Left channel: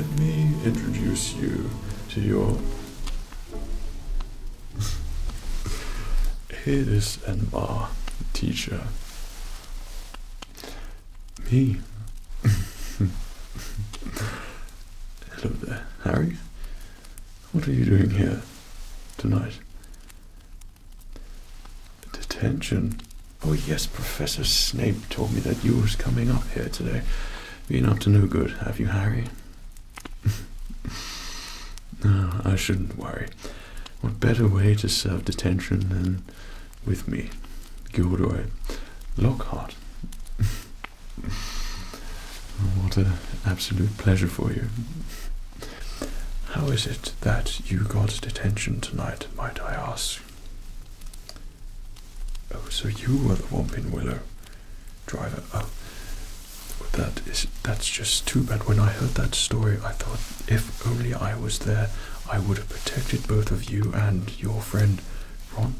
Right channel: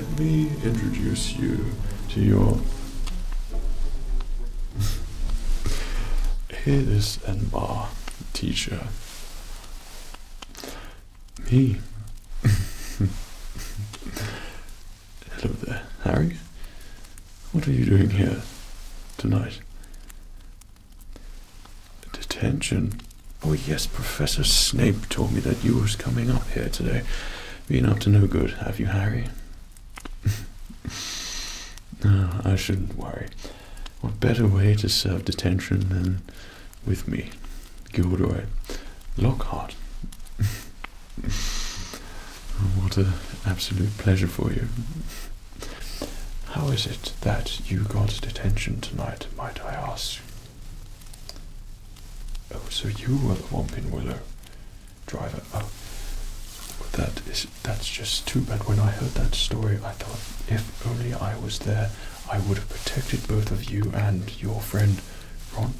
let me introduce you to your his and bar teacher. Me. Hello there, Harry. What are you doing here tonight? Detention? Oh yes, Professor Snape told me that you was coming up here today. Been up to no good, have you, Harry? No, I shouldn't worry. What better way to serve detention than with me, Gilderoy Lockhart? What an absolute pleasure for you. How is it that you got detention tonight, might I ask? Oh, so you were the Whomping Willow driver. Oh, that's just too bad. When I heard that story, I thought if only I was there, I would have protected both of you and your friend Ron.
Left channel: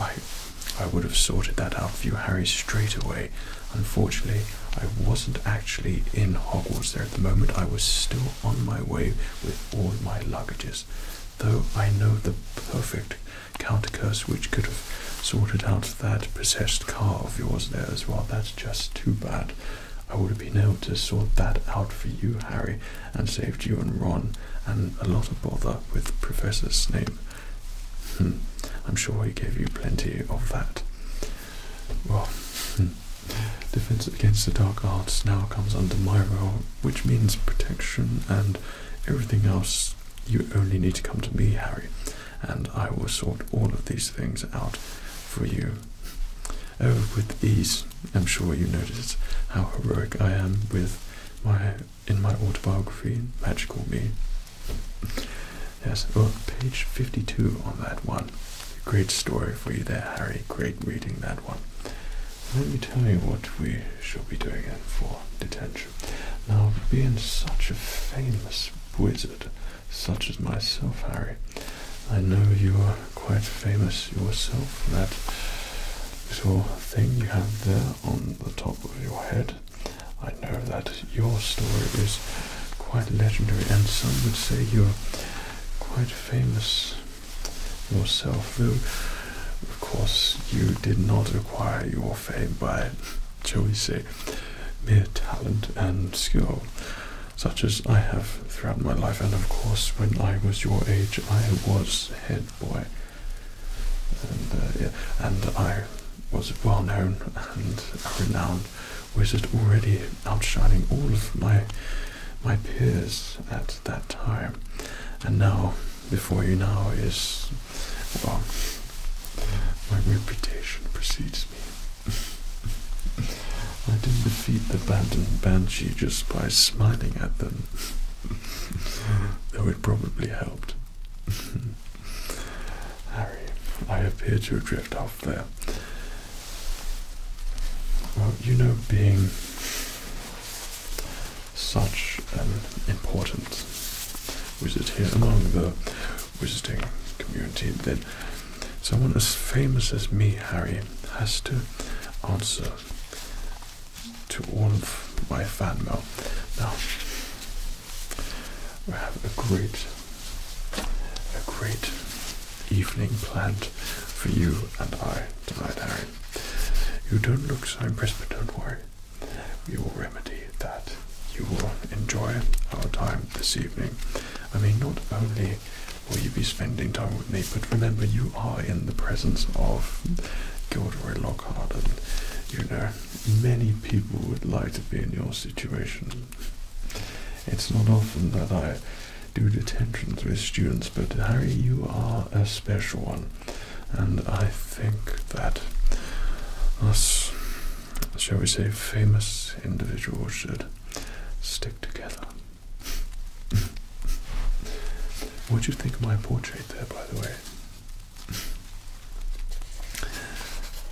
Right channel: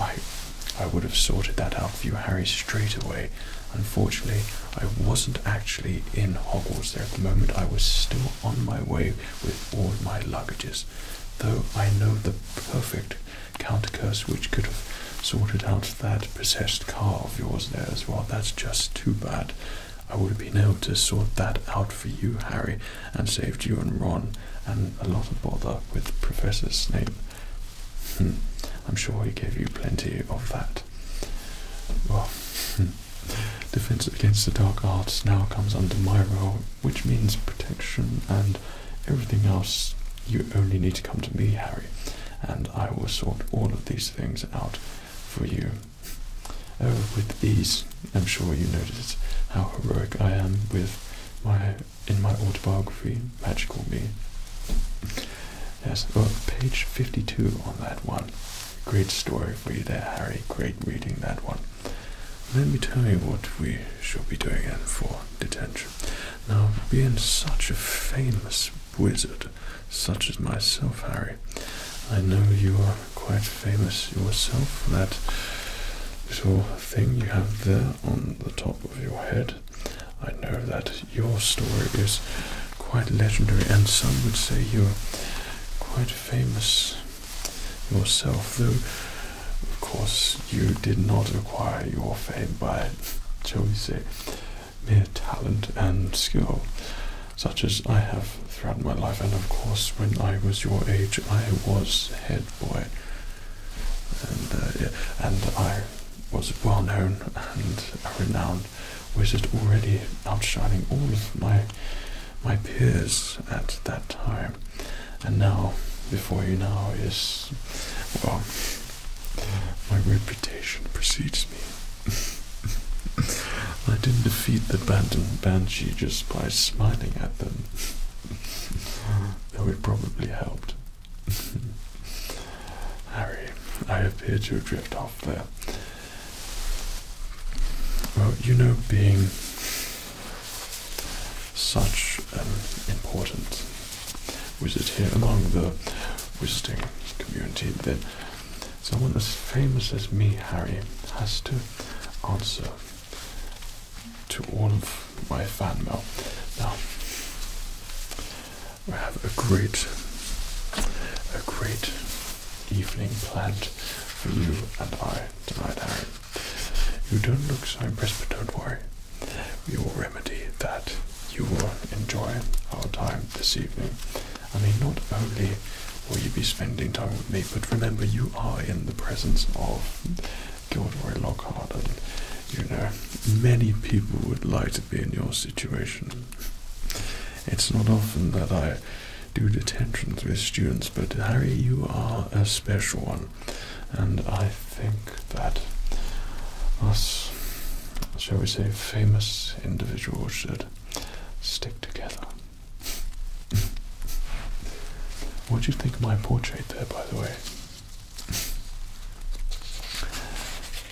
I would have sorted that out for you, Harry, straight away. Unfortunately, I wasn't actually in Hogwarts there at the moment. I was still on my way with all my luggages. Though I know the perfect counter-curse which could have sorted out that possessed car of yours there as well. That's just too bad. I would have been able to sort that out for you, Harry, and saved you and Ron and a lot of bother with Professor Snape. I'm sure he gave you plenty of that. Well, defense against the dark arts now comes under my role, which means protection and everything else. You only need to come to me, Harry, and I will sort all of these things out for you. Oh, with ease. I'm sure you noticed how heroic I am in my autobiography, Magical Me. Yes, well, page 52 on that one. Great story for you there, Harry. Great reading that one. Let me tell you what we shall be doing in for detention. Now, being such a famous wizard, such as myself, Harry, I know you are quite famous yourself. That little thing you have there on the top of your head, I know that your story is quite legendary, and some would say you're quite famous yourself, though of course you did not acquire your fame by, shall we say, mere talent and skill, such as I have throughout my life. And of course, when I was your age, I was head boy, and I was well known and a renowned wizard, already outshining all of my peers at that time. And now, before you now, is, well, my reputation precedes me. I didn't defeat the Banshee just by smiling at them, though it probably helped. Harry, I appear to drift off there. Well, you know, being such an important wizard here among the wizarding community, then someone as famous as me, Harry, has to answer to all of my fan mail. Now, we have a great evening planned for you and I tonight, Harry. You don't look so impressed, but don't worry. We will remedy that. You will enjoy our time this evening. I mean, not only will you be spending time with me, but remember, you are in the presence of Gilderoy Lockhart, and you know, many people would like to be in your situation. It's not often that I do detentions with students, but Harry, you are a special one, and I think that us, shall we say, famous individuals should stick together. What do you think of my portrait there, by the way?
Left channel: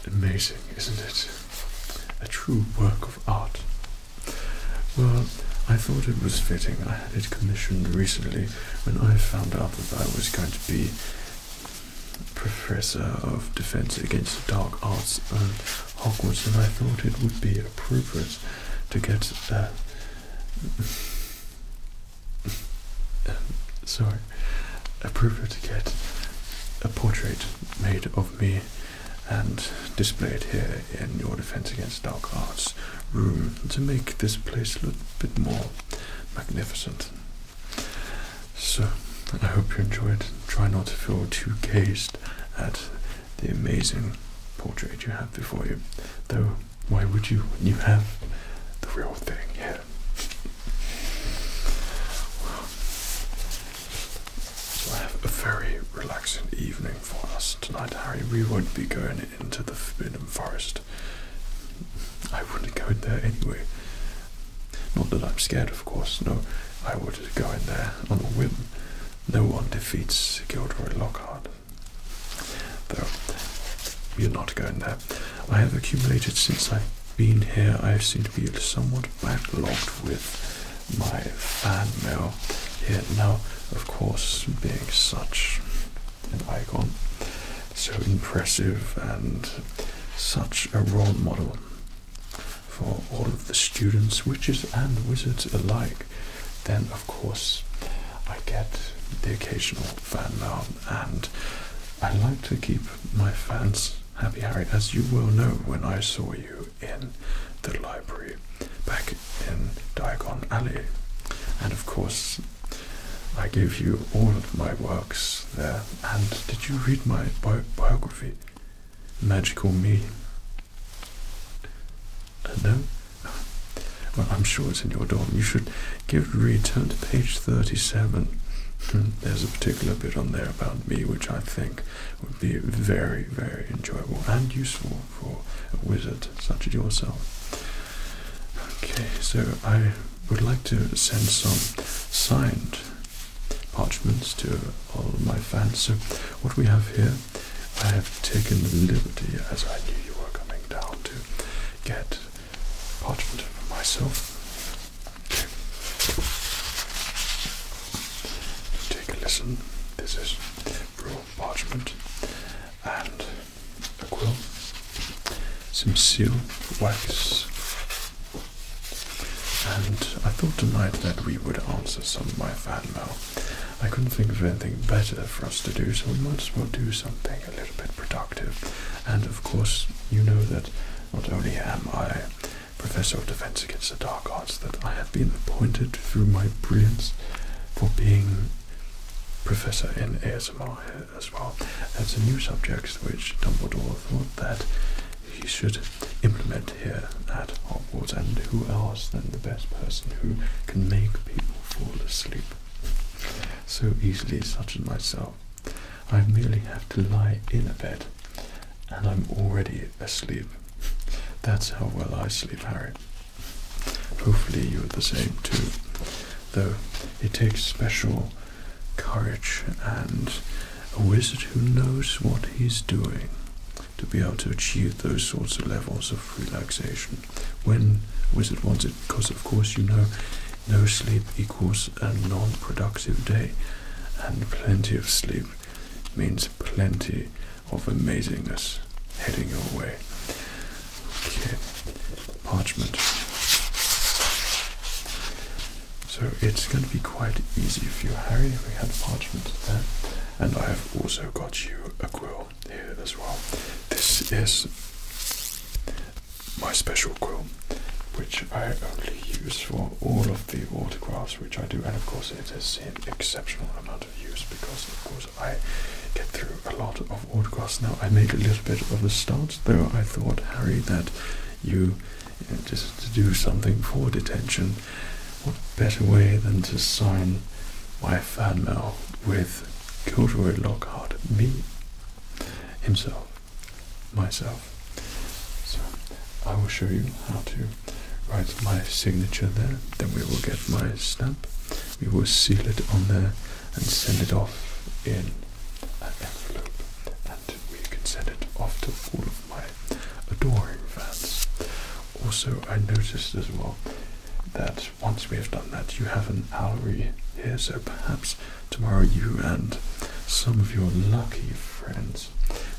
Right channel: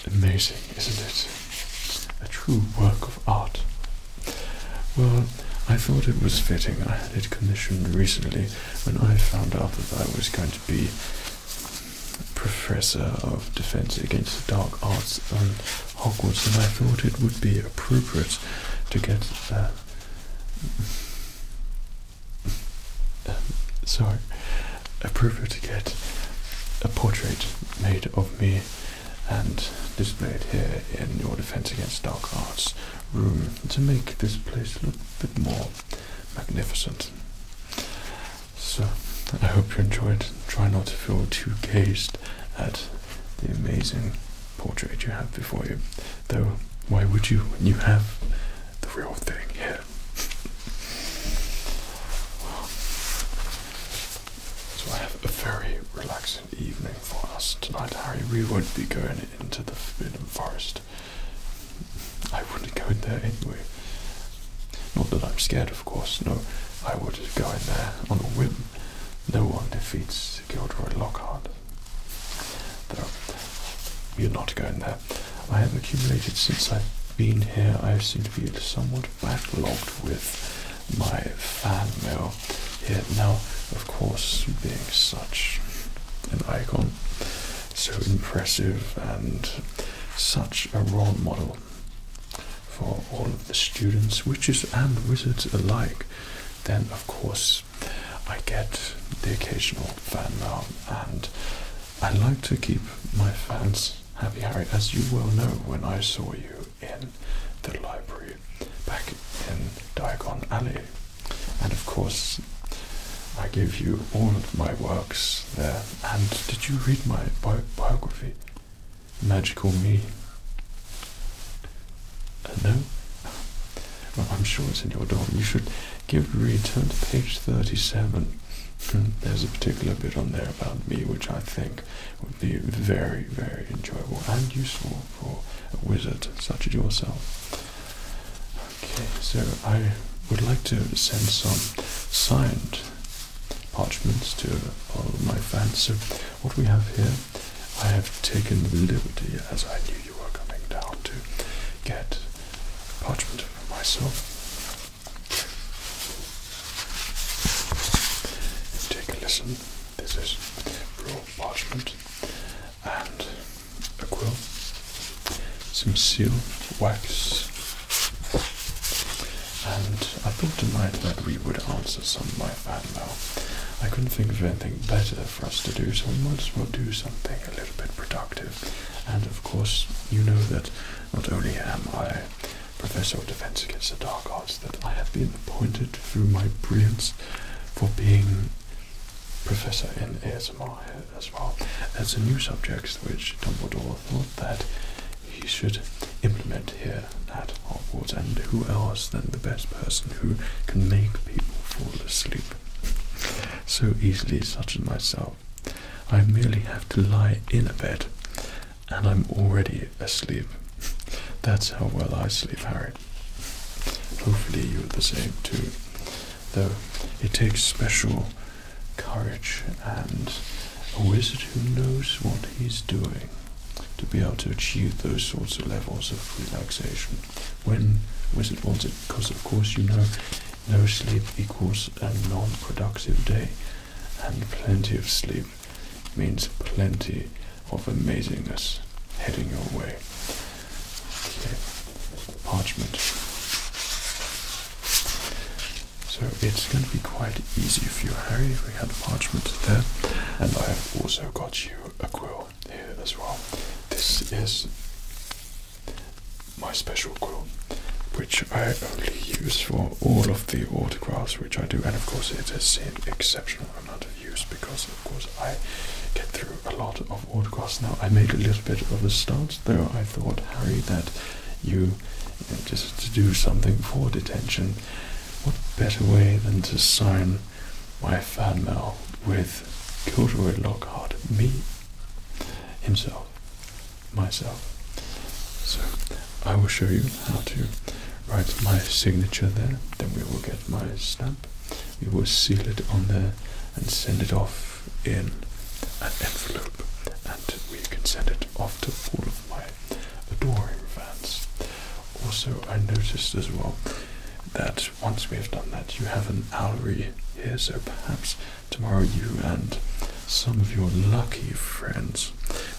Amazing, isn't it? A true work of art. Well, I thought it was fitting. I had it commissioned recently when I found out that I was going to be Professor of Defense Against the Dark Arts on Hogwarts, and I thought it would be appropriate to get So I prefer to get a portrait made of me and displayed here in your Defense Against Dark Arts room to make this place look a bit more magnificent. So I hope you enjoyed. Try not to feel too gazed at the amazing portrait you have before you, though why would you when you have the real thing here? Well, so I have a very relaxing evening for us tonight, Harry. We won't be going into the Forbidden Forest. I wouldn't go in there anyway. Not that I'm scared, of course. No, I would go in there on a whim. No one defeats Gilderoy Lockhart. Though, you're not going there. I have accumulated since I've been here. I seem to be somewhat backlogged with my fan mail here. Now, of course, being such an icon, so impressive and such a role model for all of the students, witches and wizards alike, then of course I get the occasional fan mail, and I like to keep my fans happy, Harry, as you well know when I saw you in the library back in Diagon Alley. And of course I gave you all of my works there. And did you read my biography, Magical Me? No? Well, I'm sure it's in your dorm. You should give it a read. Turn to page 37. There's a particular bit on there about me which I think would be very, very enjoyable and useful for a wizard such as yourself. Okay, so I would like to send some signed parchments to all of my fans. So what we have here, I have taken the liberty, as I knew you were coming down, to get parchment for myself. Take a listen. This is raw parchment and a quill, some seal wax, and I thought tonight that we would answer some of my fan mail. I couldn't think of anything better for us to do, so we might as well do something a little bit productive. And of course, you know that not only am I Professor of Defense Against the Dark Arts, that I have been appointed through my brilliance for being Professor in ASMR as well. That's a new subject which Dumbledore thought that he should implement here at Hogwarts, and who else than the best person who can make people fall asleep so easily, such as myself. I merely have to lie in a bed and I'm already asleep. That's how well I sleep, Harry. Hopefully you're the same too, though it takes special courage and a wizard who knows what he's doing to be able to achieve those sorts of levels of relaxation when a wizard wants it, because of course you know no sleep equals a non-productive day, and plenty of sleep means plenty of amazingness heading your way. Okay, parchment. So it's going to be quite easy for you, Harry. We have parchment there, and I have also got you a quill here as well. This is my special quill, which I only use for all of the autographs which I do, and of course it has seen exceptional amount of use because of course I get through a lot of autographs. Now I made a little bit of a start, though I thought, Harry, that you just to do something for detention, what better way than to sign my fan mail with Gilderoy Lockhart, me himself, myself. So I will show you how to write my signature there, then we will get my stamp, we will seal it on there and send it off in an envelope, and we can send it off to all of my adoring fans. Also, I noticed as well that once we have done that, you have an owlery here, so perhaps tomorrow you and some of your lucky friends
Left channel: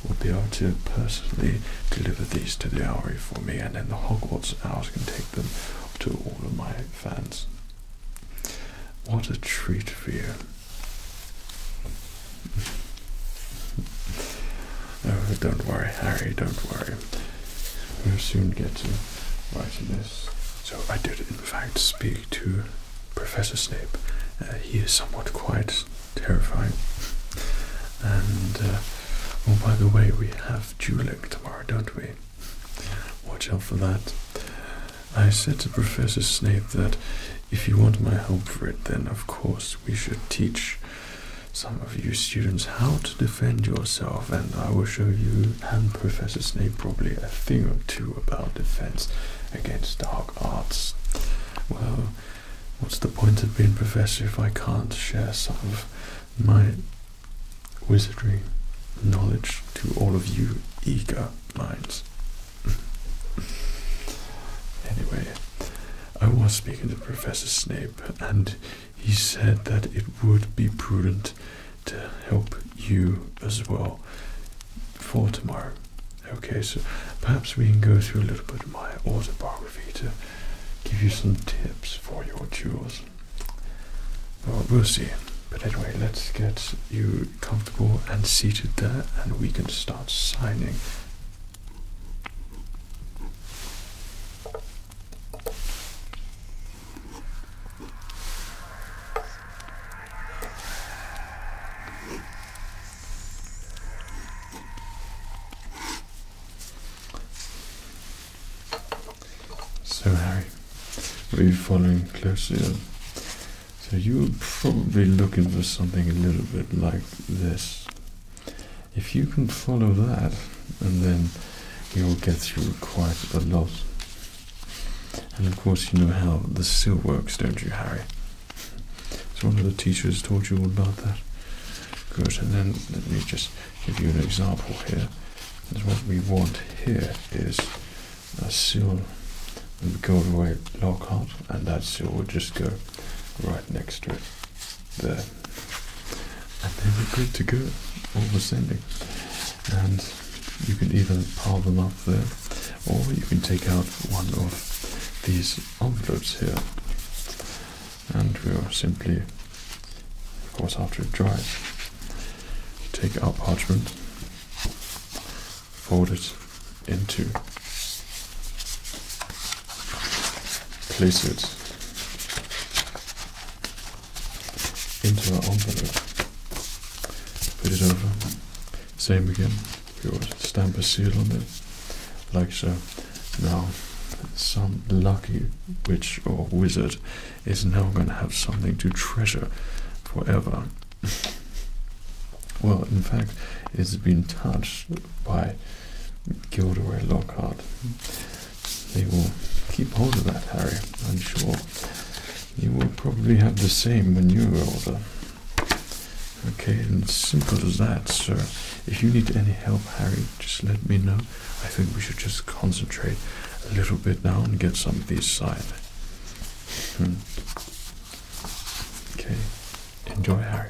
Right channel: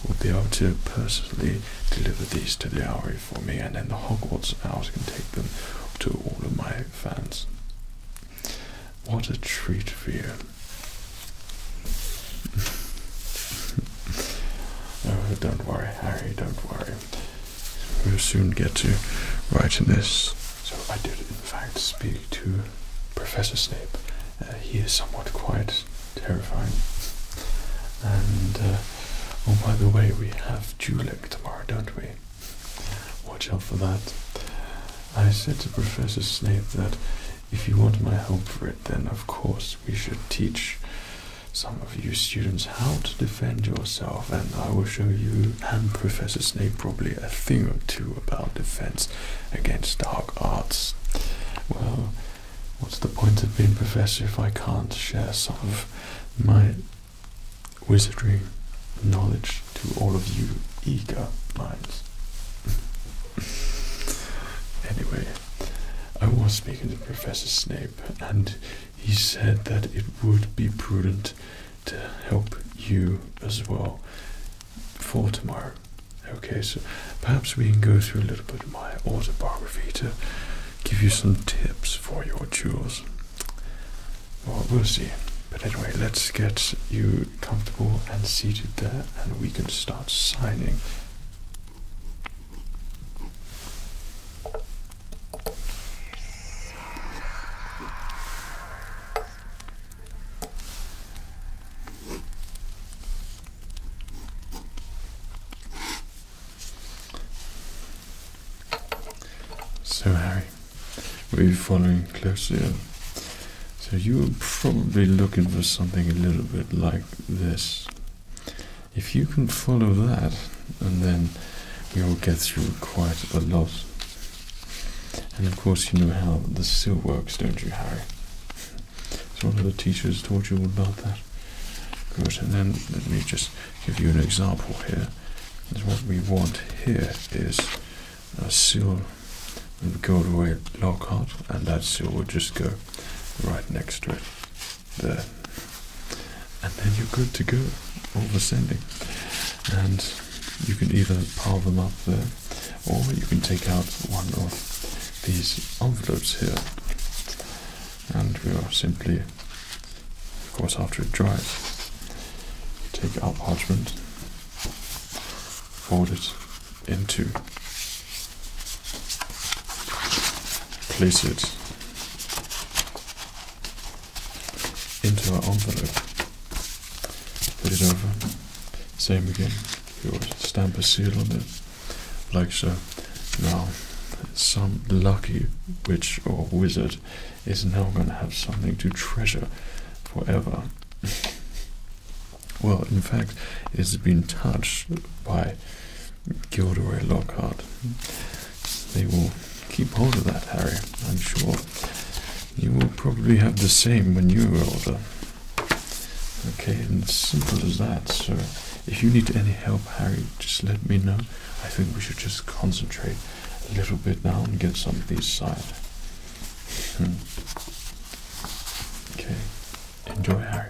will be able to personally deliver these to the owlery for me, and then the Hogwarts owls can take them to all of my fans. What a treat for you. Oh, don't worry, Harry, don't worry. We'll soon get to writing this. So I did, in fact, speak to Professor Snape. He is somewhat quite terrifying. And, oh, by the way, we have dueling tomorrow, don't we? Watch out for that. I said to Professor Snape that if you want my help for it, then of course we should teach some of you students how to defend yourself, and I will show you and Professor Snape probably a thing or two about defense against dark arts. Well, what's the point of being professor if I can't share some of my wizardry knowledge to all of you eager minds? Anyway, I was speaking to Professor Snape, and he said that it would be prudent to help you as well for tomorrow. Okay, so perhaps we can go through a little bit of my autobiography to give you some tips for your duels. Well, we'll see. But anyway, let's get you comfortable and seated there, and we can start signing. So Harry, were you following closely? So you were probably looking for something a little bit like this. If you can follow that, and then you will get through quite a lot. And of course you know how the seal works, don't you, Harry? So one of the teachers taught you all about that. Good, and then let me just give you an example here. And what we want here is a seal with Gilderoy Lockhart, and that seal will just go right next to it there, and then you're good to go, all for sending. And you can either pile them up there, or you can take out one of these envelopes here, and we'll simply, of course after it dries, take our parchment, fold it into, place it into our envelope, put it over, same again, we'll stamp a seal on it, like so. Now, some lucky witch or wizard is now going to have something to treasure forever. Well, in fact, it's been touched by Gilderoy Lockhart. They will keep hold of that, Harry, I'm sure. You will probably have the same when you're older. Okay, and simple as that. So if you need any help, Harry, just let me know. I think we should just concentrate a little bit now and get some of these signed. Okay, enjoy, Harry.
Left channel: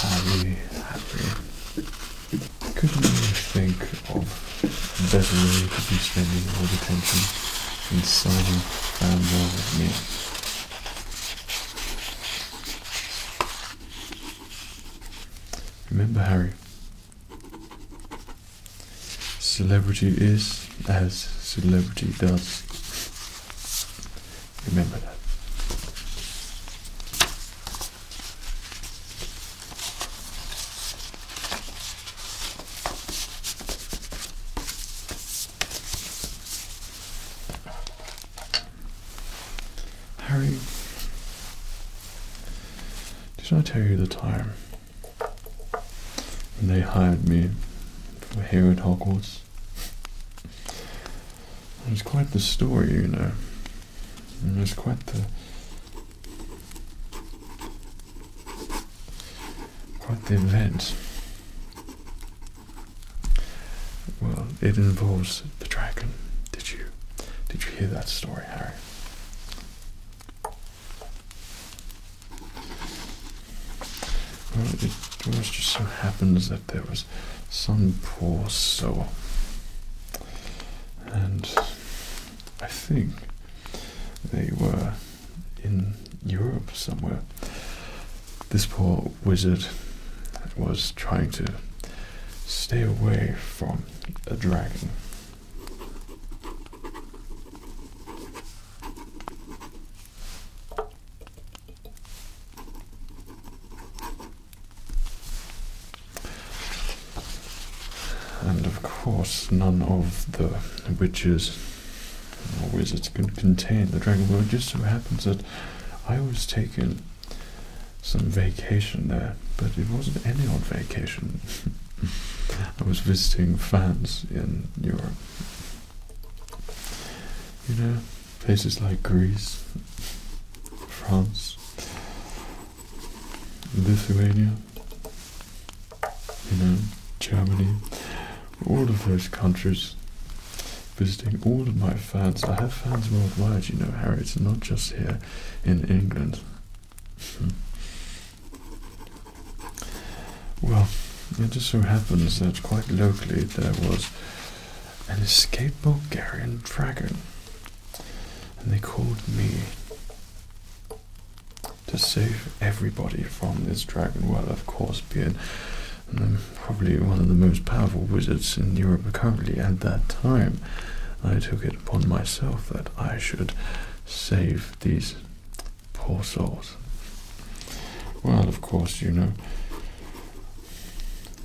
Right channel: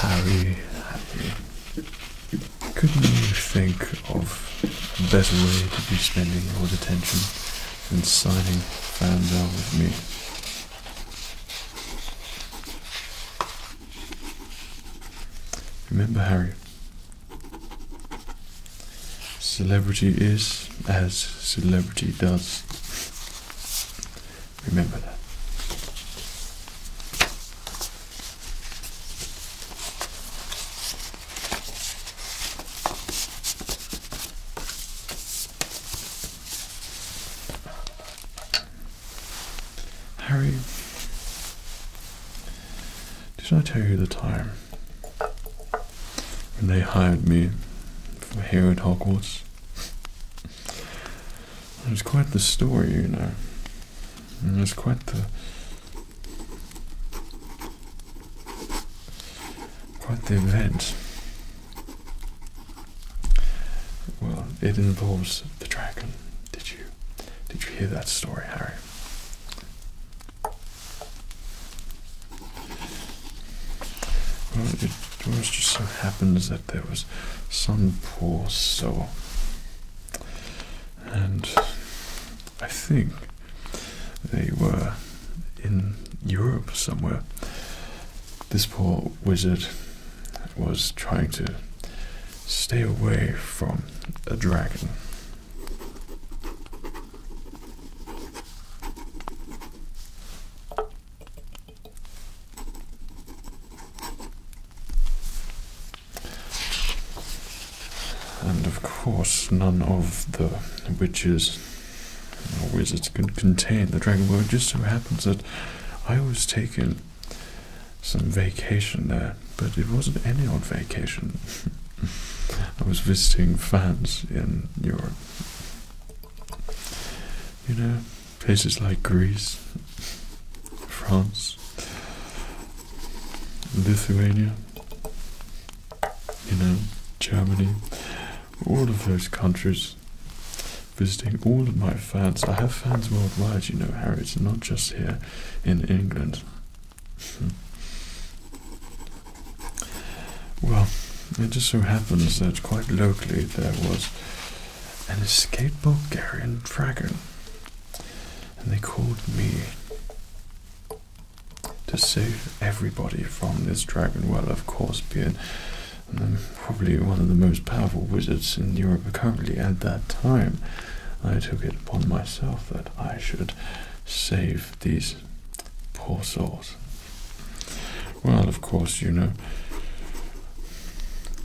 Harry. Couldn't you think of a better way to be spending your attention than signing fan mail with me? Remember, Harry, celebrity is as celebrity does. Remember that. Harry, did I tell you the time when they hired me for here at Hogwarts? It was quite the story, you know. It was quite the event. Well, it involves the dragon. Did you hear that story, Harry? Well, it just so happens that there was some poor soul, and I think they were in Europe somewhere. This poor wizard was trying to stay away from a dragon. And of course, none of the witches or wizards could contain the dragon. Well, it just so happens that I was taking some vacation there, but it wasn't any old vacation. I was visiting fans in Europe. You know, places like Greece, France, Lithuania, you know, Germany, all of those countries, visiting all of my fans. I have fans worldwide, you know, Harry. It's not just here in England. Well, it just so happens that quite locally there was an escaped Bulgarian dragon, and they called me to save everybody from this dragon. Well, of course, being probably one of the most powerful wizards in Europe currently at that time, I took it upon myself that I should save these poor souls. Well, of course, you know,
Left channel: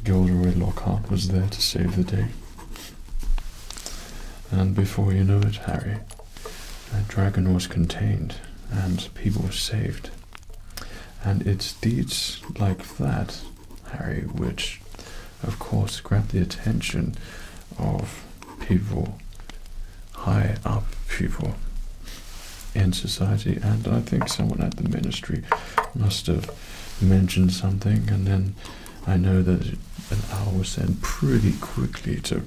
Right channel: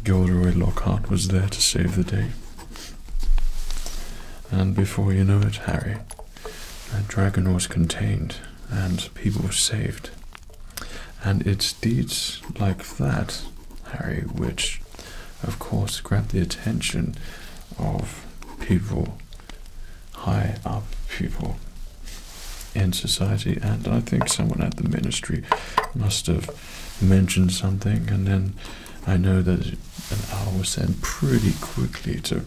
Gilderoy Lockhart was there to save the day. And before you know it, Harry, that dragon was contained and people saved. And it's deeds like that, Harry, which of course grabbed the attention of people, high up people in society, and I think someone at the ministry must have mentioned something, and then I know that an hour was sent pretty quickly to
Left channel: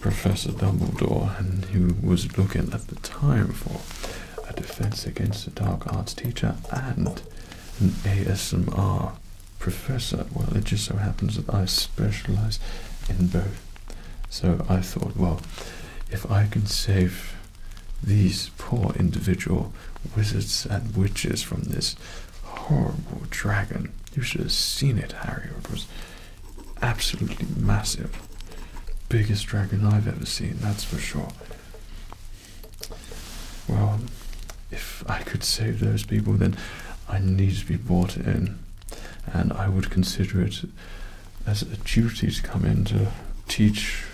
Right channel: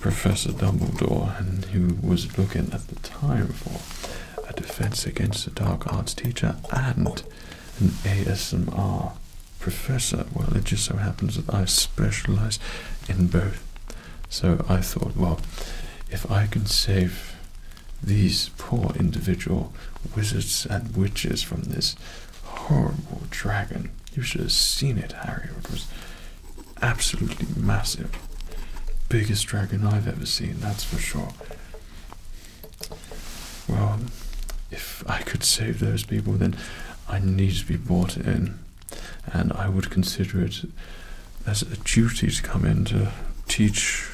Professor Dumbledore, and he was looking at the time for a defense against the dark arts teacher and an ASMR professor. Well, it just so happens that I specialize in both. So I thought, well, if I can save these poor individual wizards and witches from this horrible dragon. You should have seen it, Harry. It was absolutely massive. Biggest dragon I've ever seen, that's for sure. Well, if I could save those people, then I need to be brought in, and I would consider it as a duty to come in to teach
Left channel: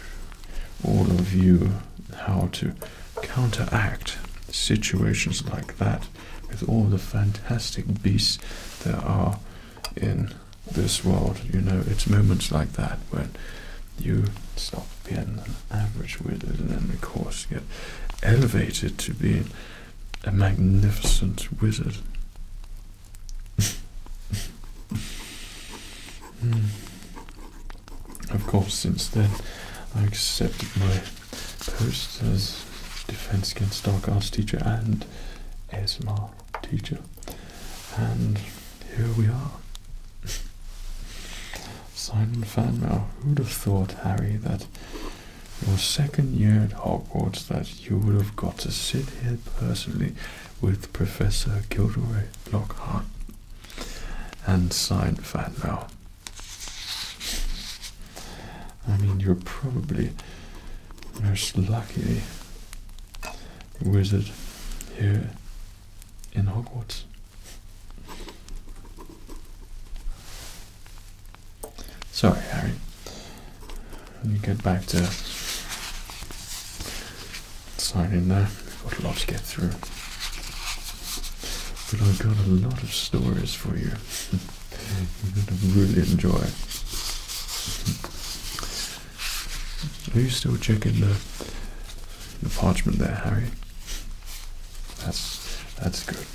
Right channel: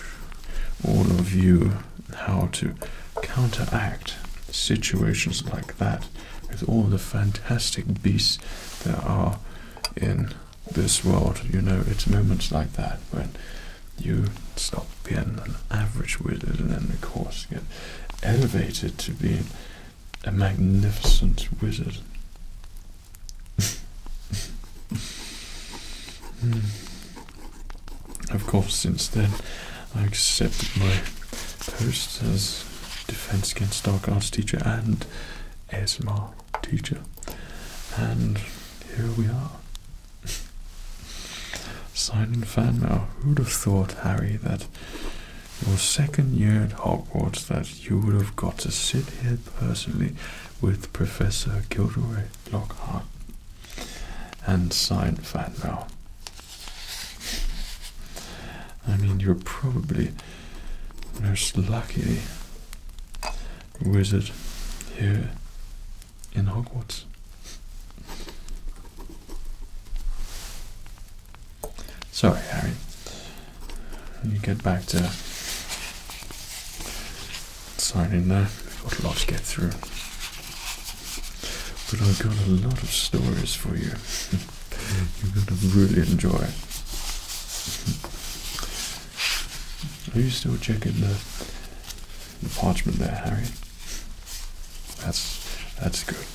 all of you how to counteract situations like that with all the fantastic beasts there are in this world. You know, it's moments like that when you stop being an average wizard and then of course get elevated to being a magnificent wizard. Of course, since then I accepted my post as Defense Against Dark Arts teacher and ASMR teacher, and here we are. Signing fan mail. Who'd have thought, Harry, that your second year at Hogwarts that you would have got to sit here personally with Professor Gilderoy Lockhart and sign fan mail? I mean, you're probably the most lucky wizard here in Hogwarts. Sorry, Harry. When you get back to signing there, we've got a lot to get through. But I've got a lot of stories for you. You're going to really enjoy. Are you still checking the parchment there, Harry? That's good.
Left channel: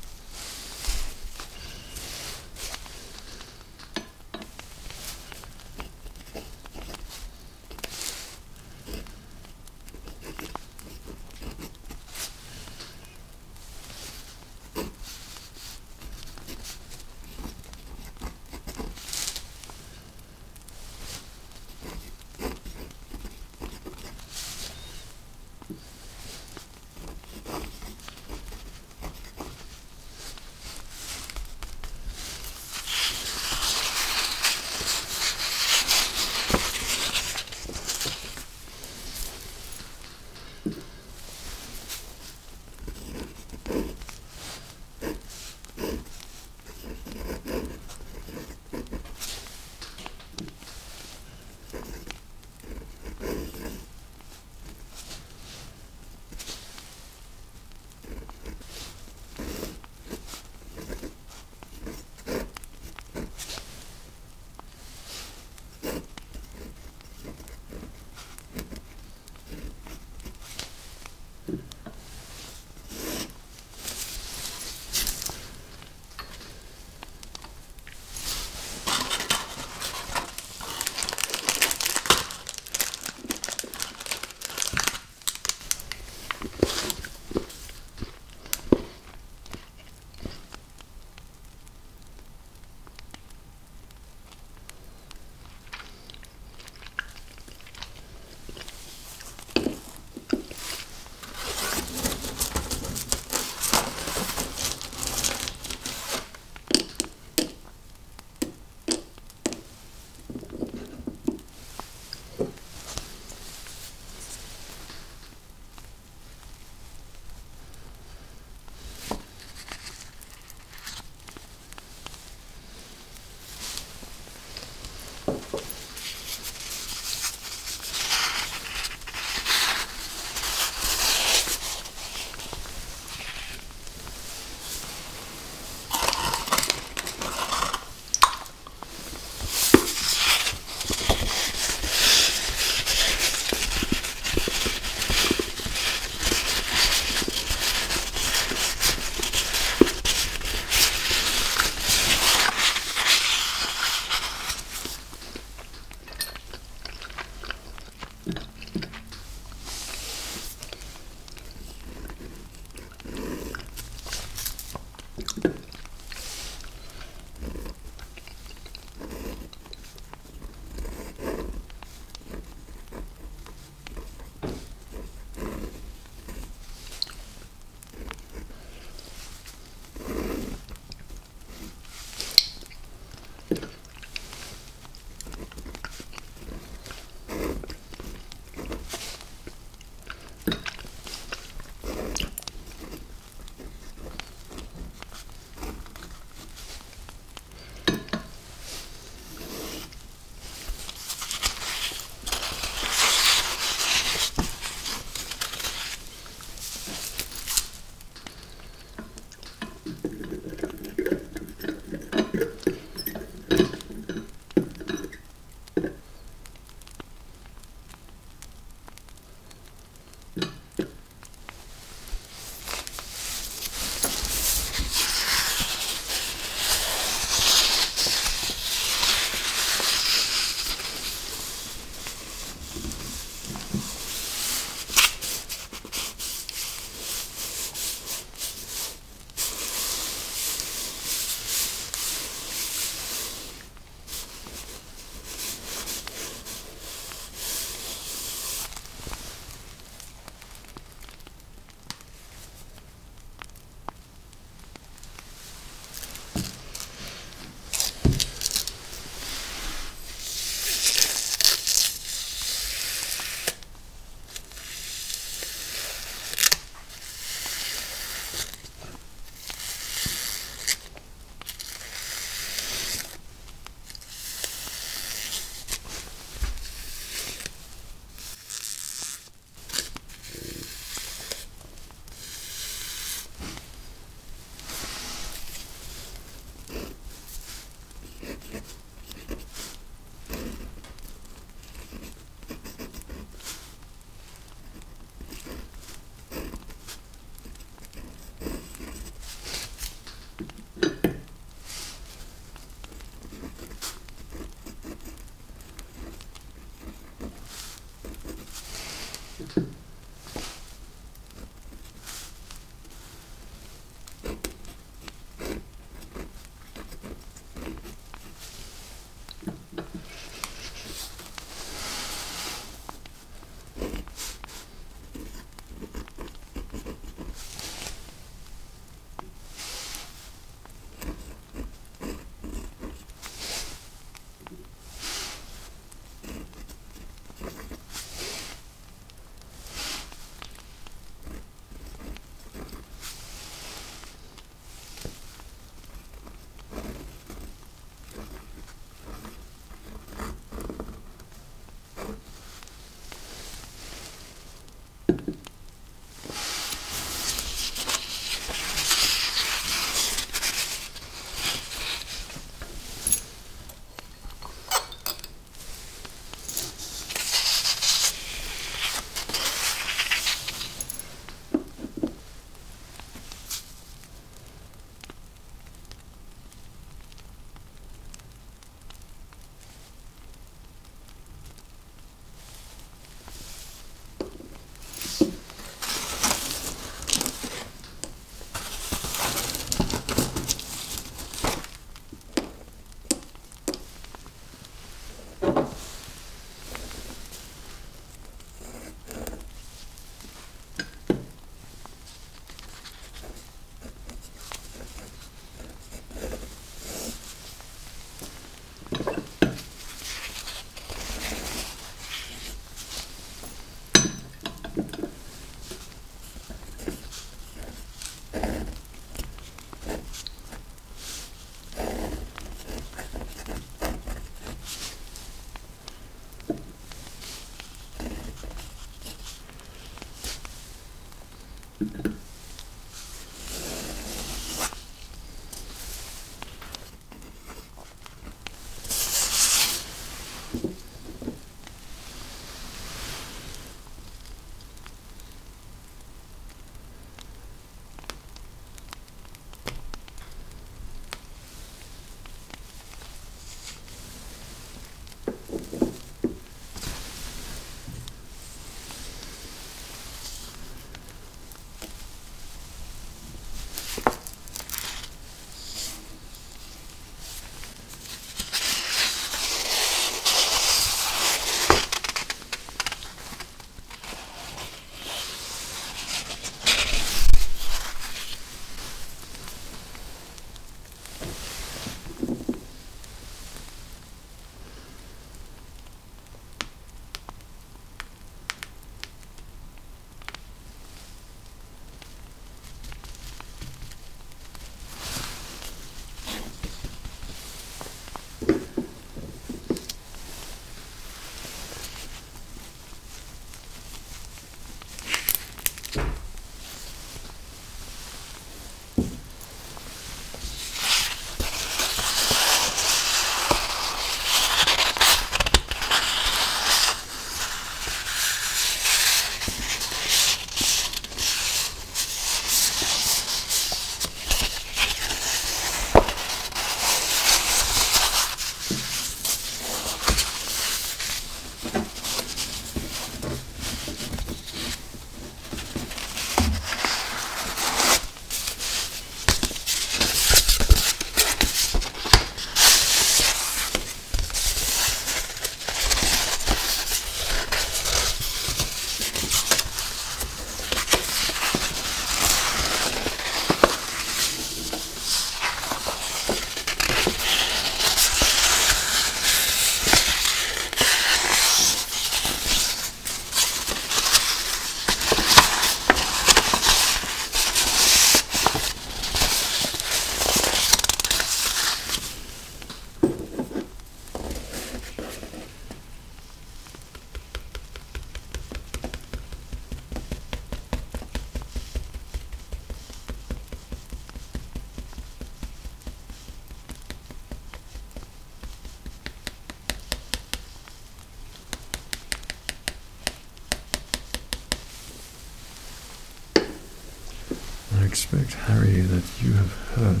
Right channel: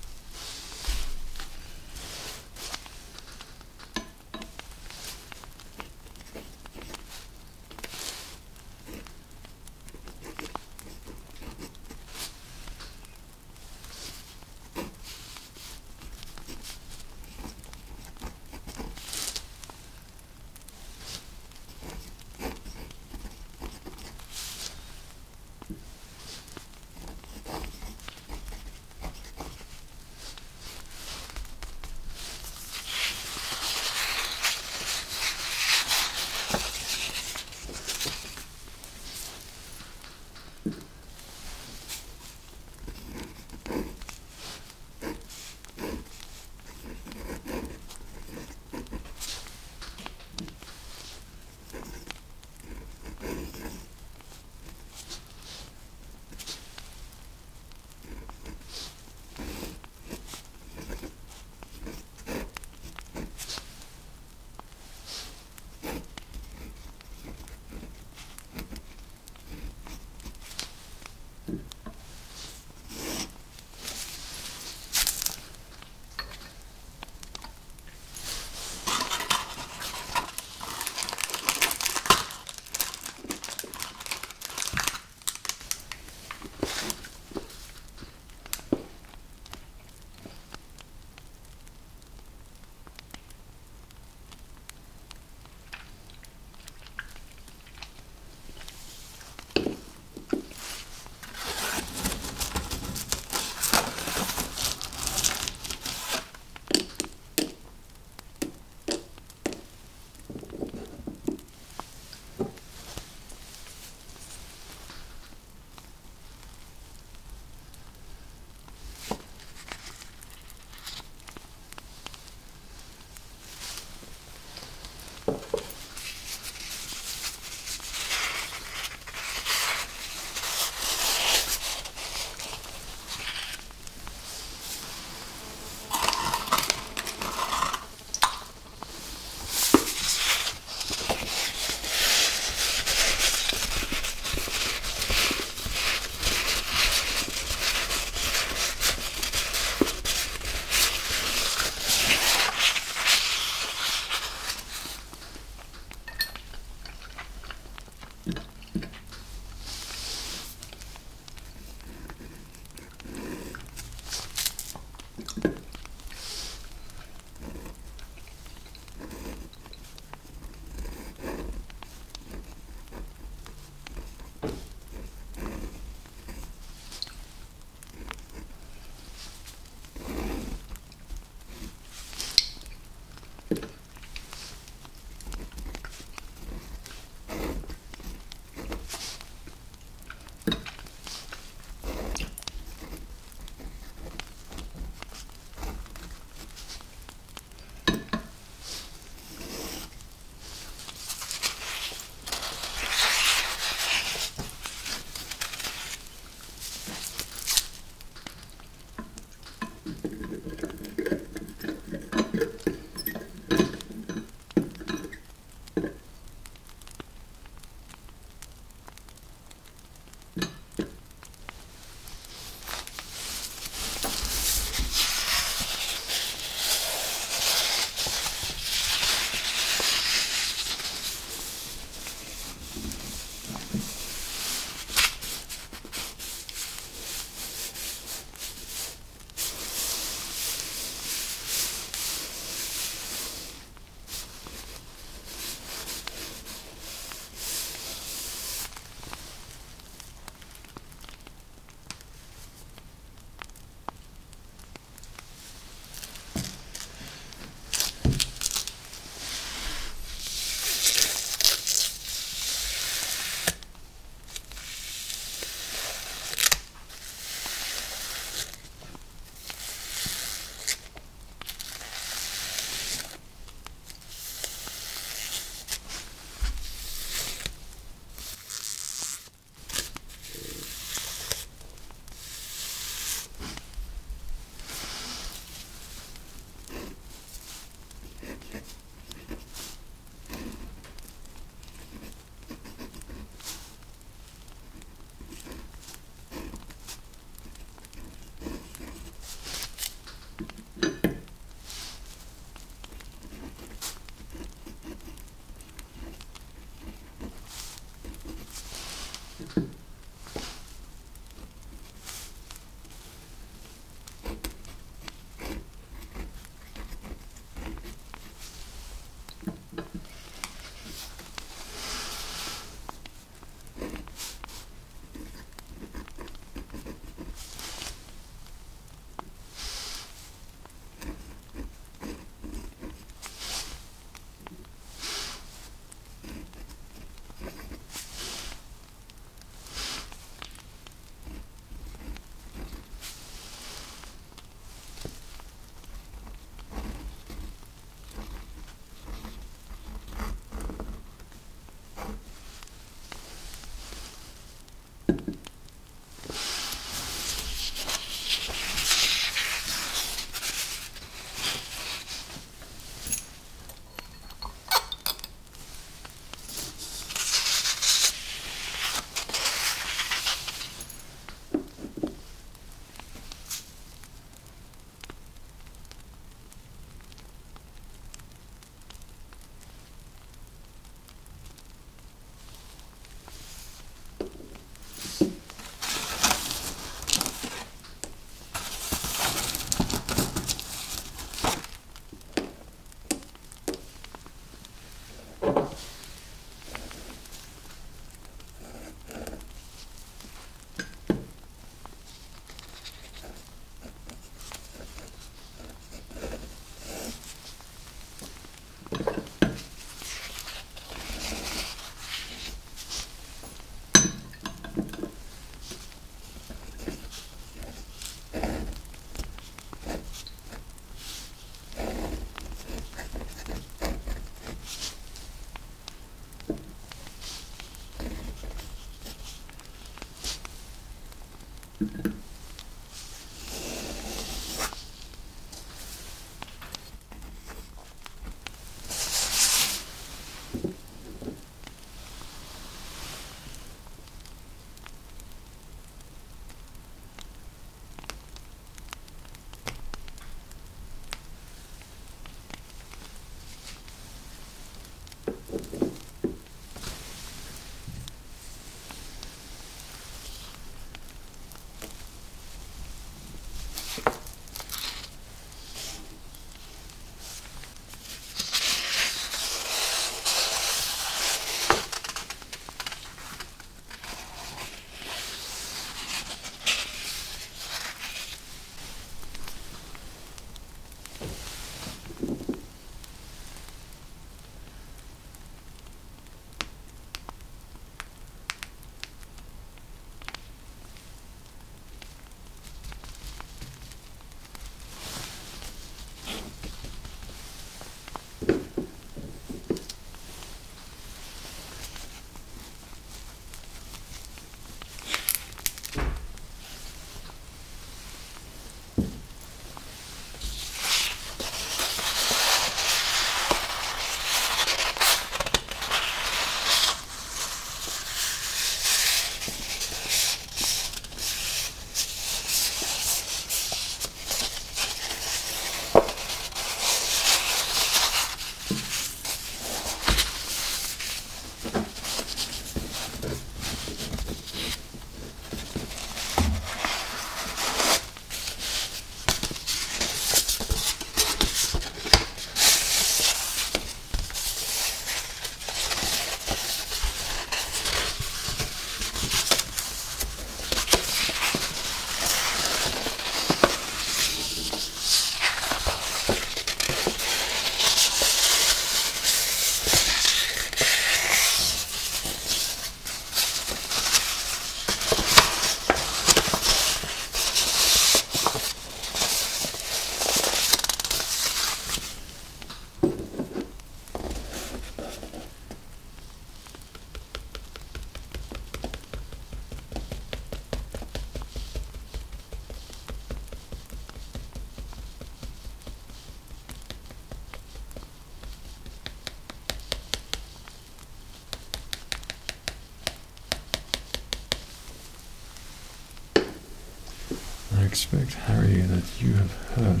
expect, Harry, that you have heard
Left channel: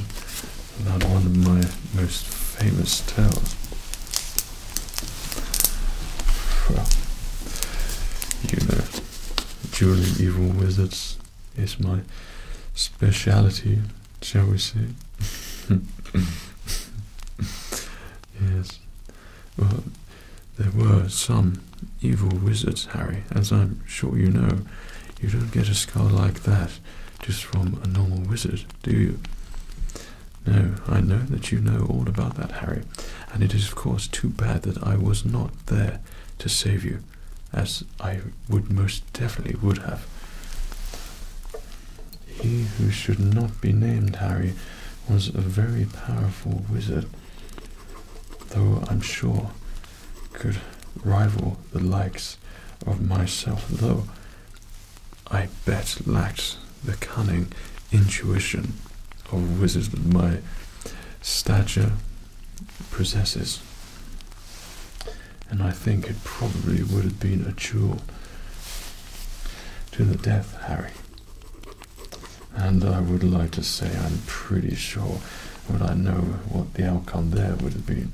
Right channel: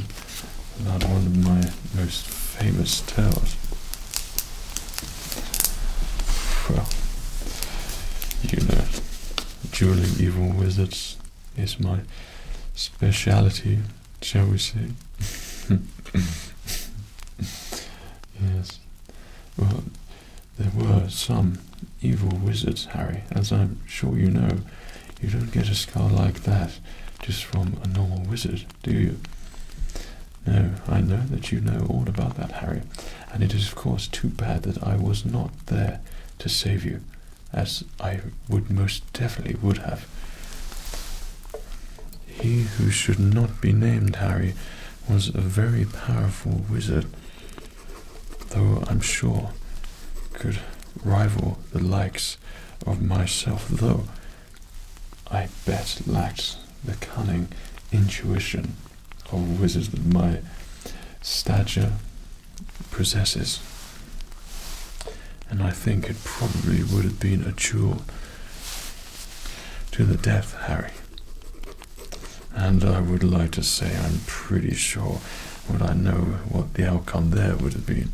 about one of my most famous tales. Well, you know, dueling evil wizards is my speciality, shall we say? Yes. Well, there were some evil wizards, Harry. As I'm sure you know, you don't get a skull like that just from a normal wizard, do you? No, I know that you know all about that, Harry, and it is of course too bad that I was not there to save you, as I would most definitely would have. He who should not be named, Harry, was a very powerful wizard, though I'm sure could rival the likes of myself, though I bet lacked the cunning intuition of wizards that my stature possesses. And I think it probably would have been a duel to the death, Harry. And I would like to say I'm pretty sure I know what the outcome there would have been.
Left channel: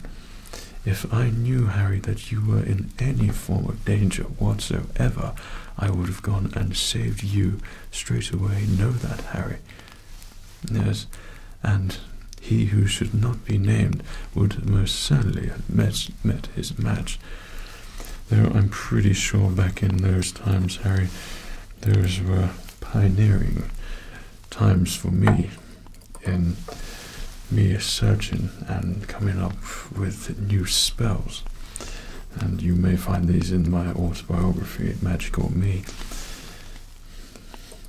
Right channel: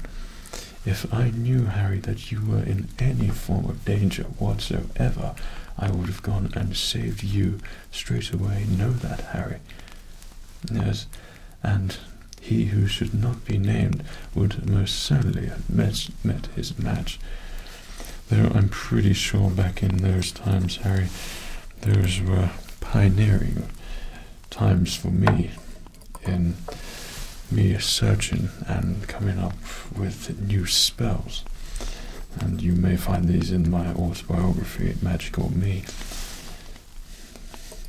If I knew, Harry, that you were in any form of danger whatsoever, I would have gone and saved you straight away. Know that, Harry. Yes, and he who should not be named would most certainly have met his match. Though I'm pretty sure back in those times, Harry, those were pioneering times for me in me searching and coming up with new spells. And you may find these in my autobiography, Magical Me,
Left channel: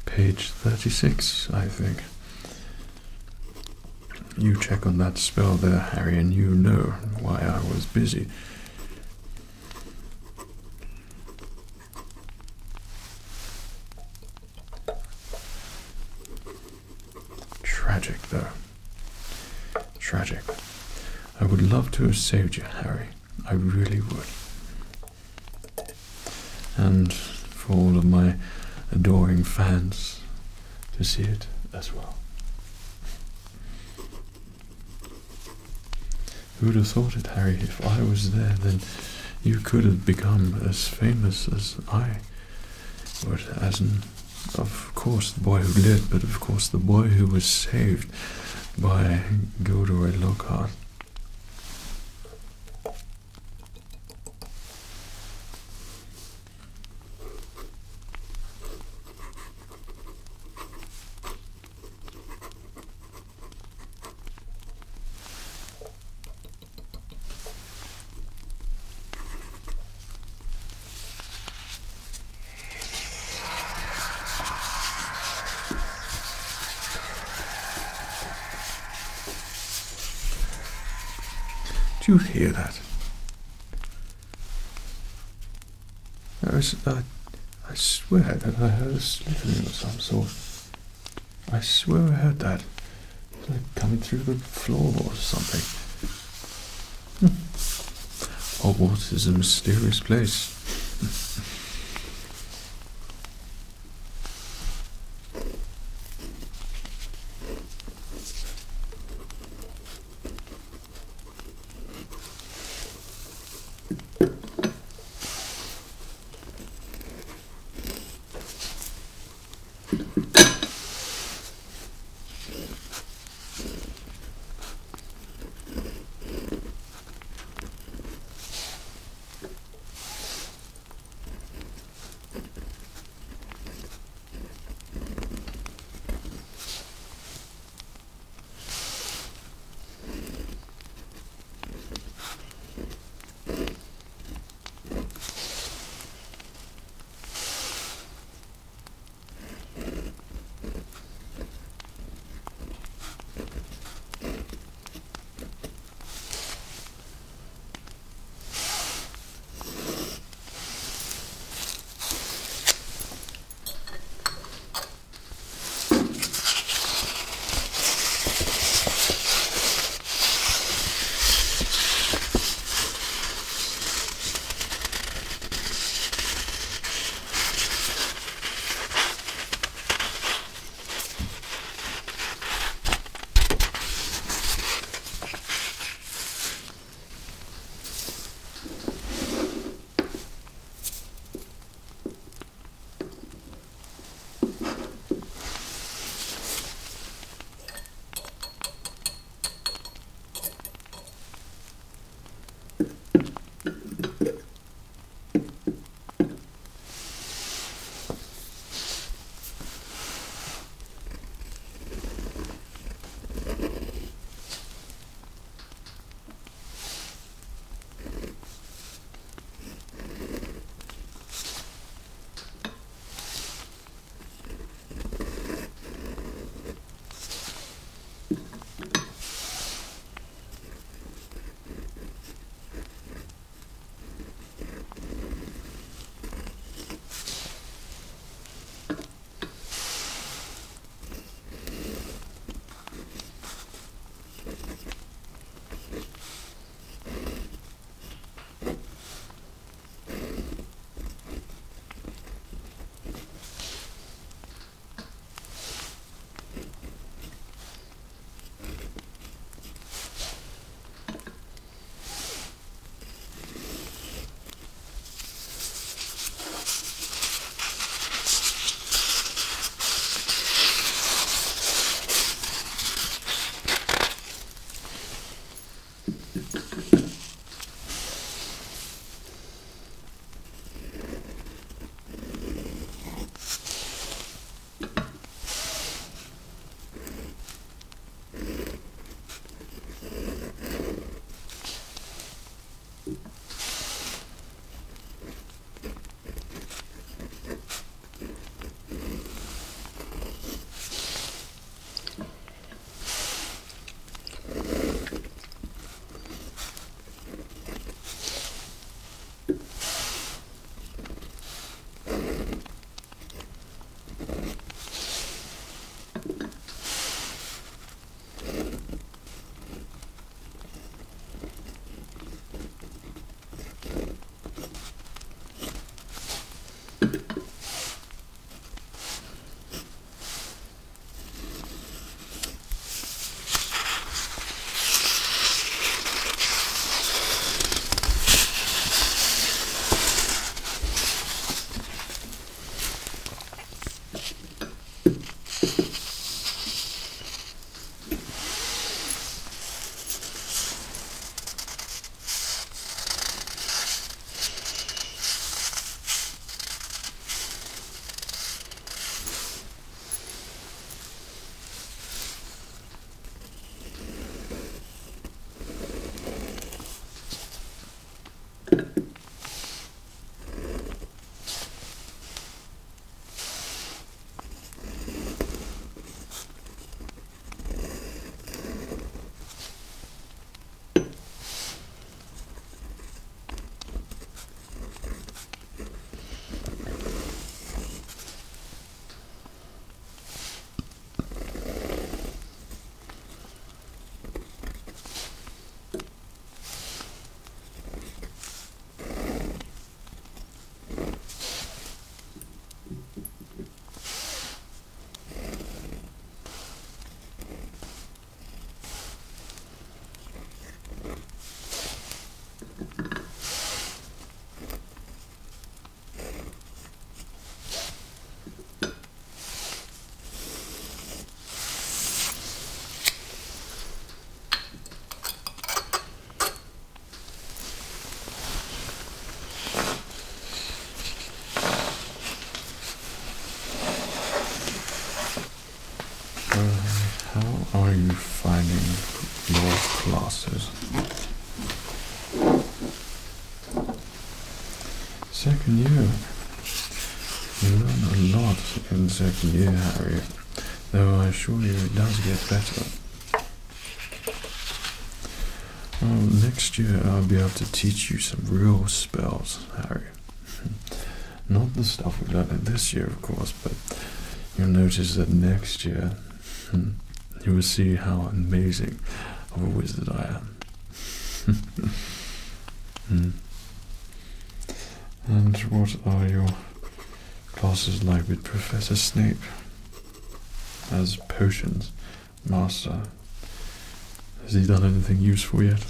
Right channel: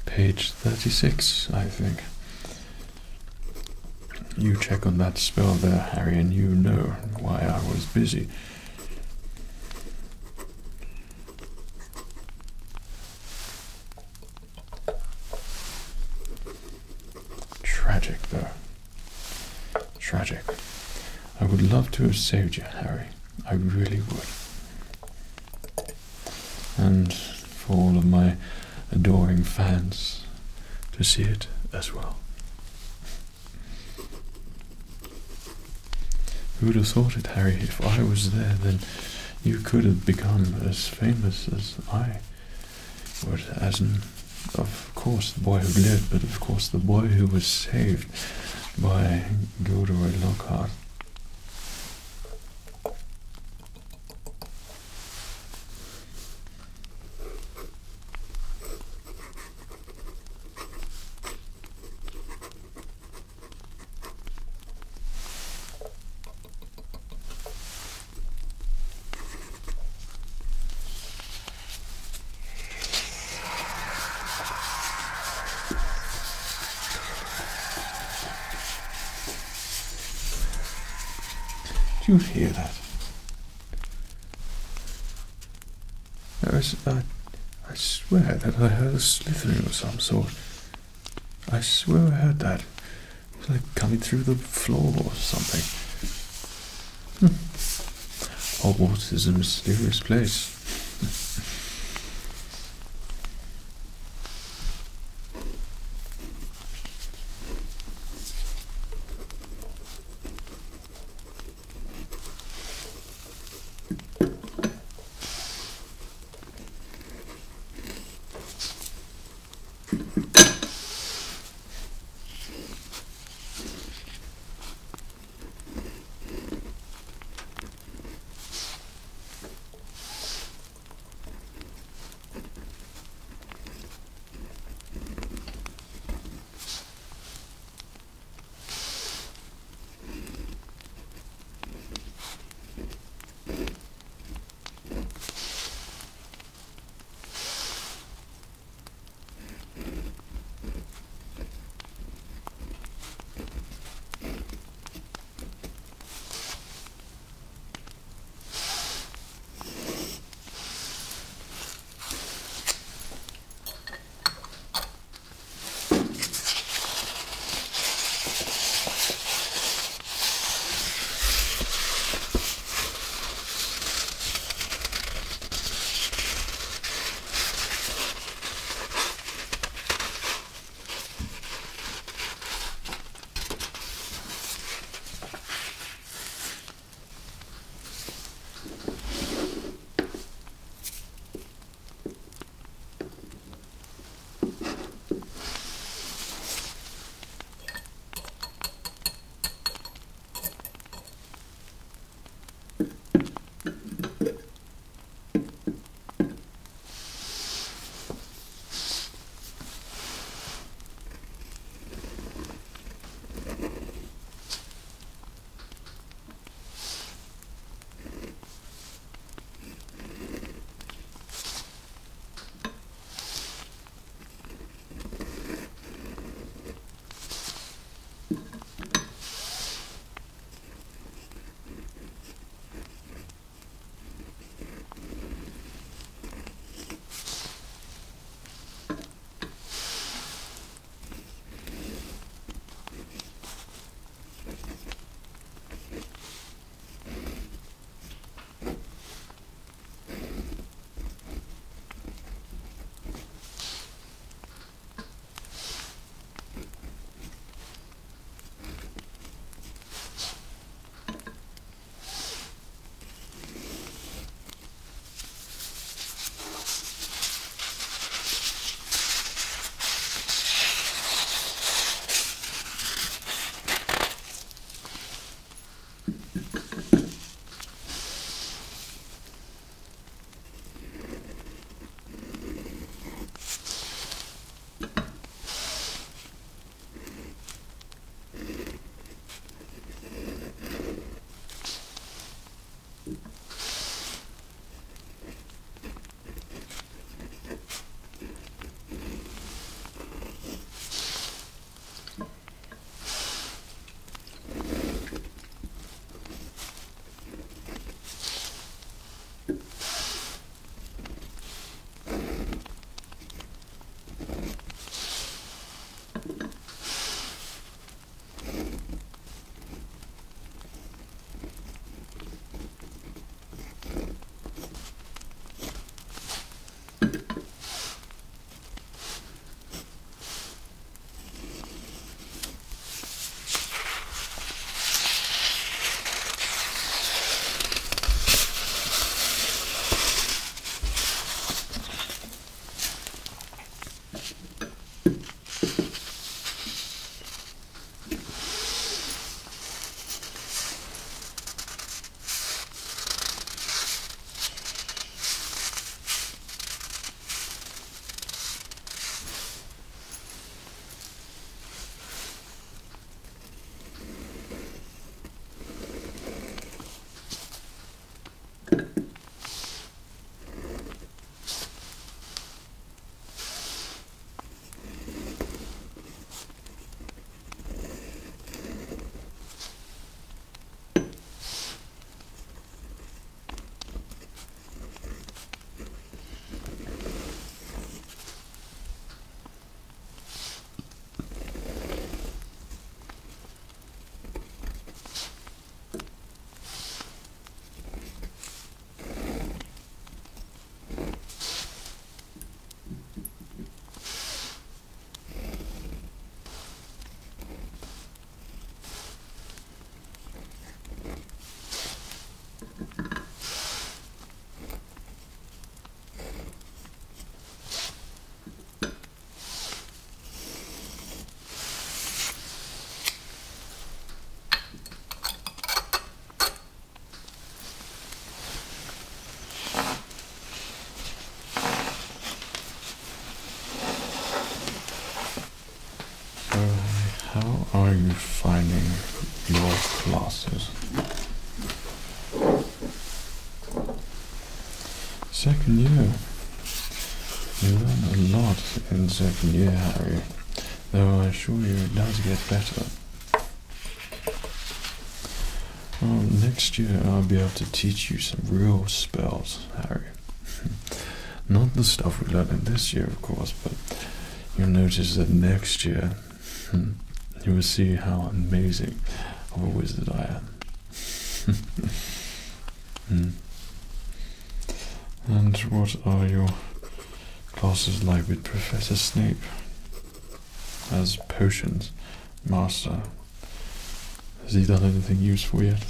page 36, I think. You check on that spell there, Harry, and you know why I was busy. Tragic, though. Tragic. I would love to have saved you, Harry. I really would. And for all of my adoring fans to see it as well. Who would have thought it, Harry? If I was there, then you could have become as famous as I would, as in, of course, the boy who lived, but of course the boy who was saved by Gilderoy Lockhart. Do you hear that? I swear that I heard a slithering of some sort. I swear I heard that. It's like coming through the floor or something. Hogwarts is a mysterious place. are you finding your classes? Second year. You learn a lot in second year, Harry, though I assure you it does get better. Well, next year I'll be able to teach you some real spells, Harry. Not the stuff we learned in this year, of course, but you'll notice that next year you will see how amazing of a wizard I am. And what are your classes like with Professor Snape as potions master? Has he done anything useful yet?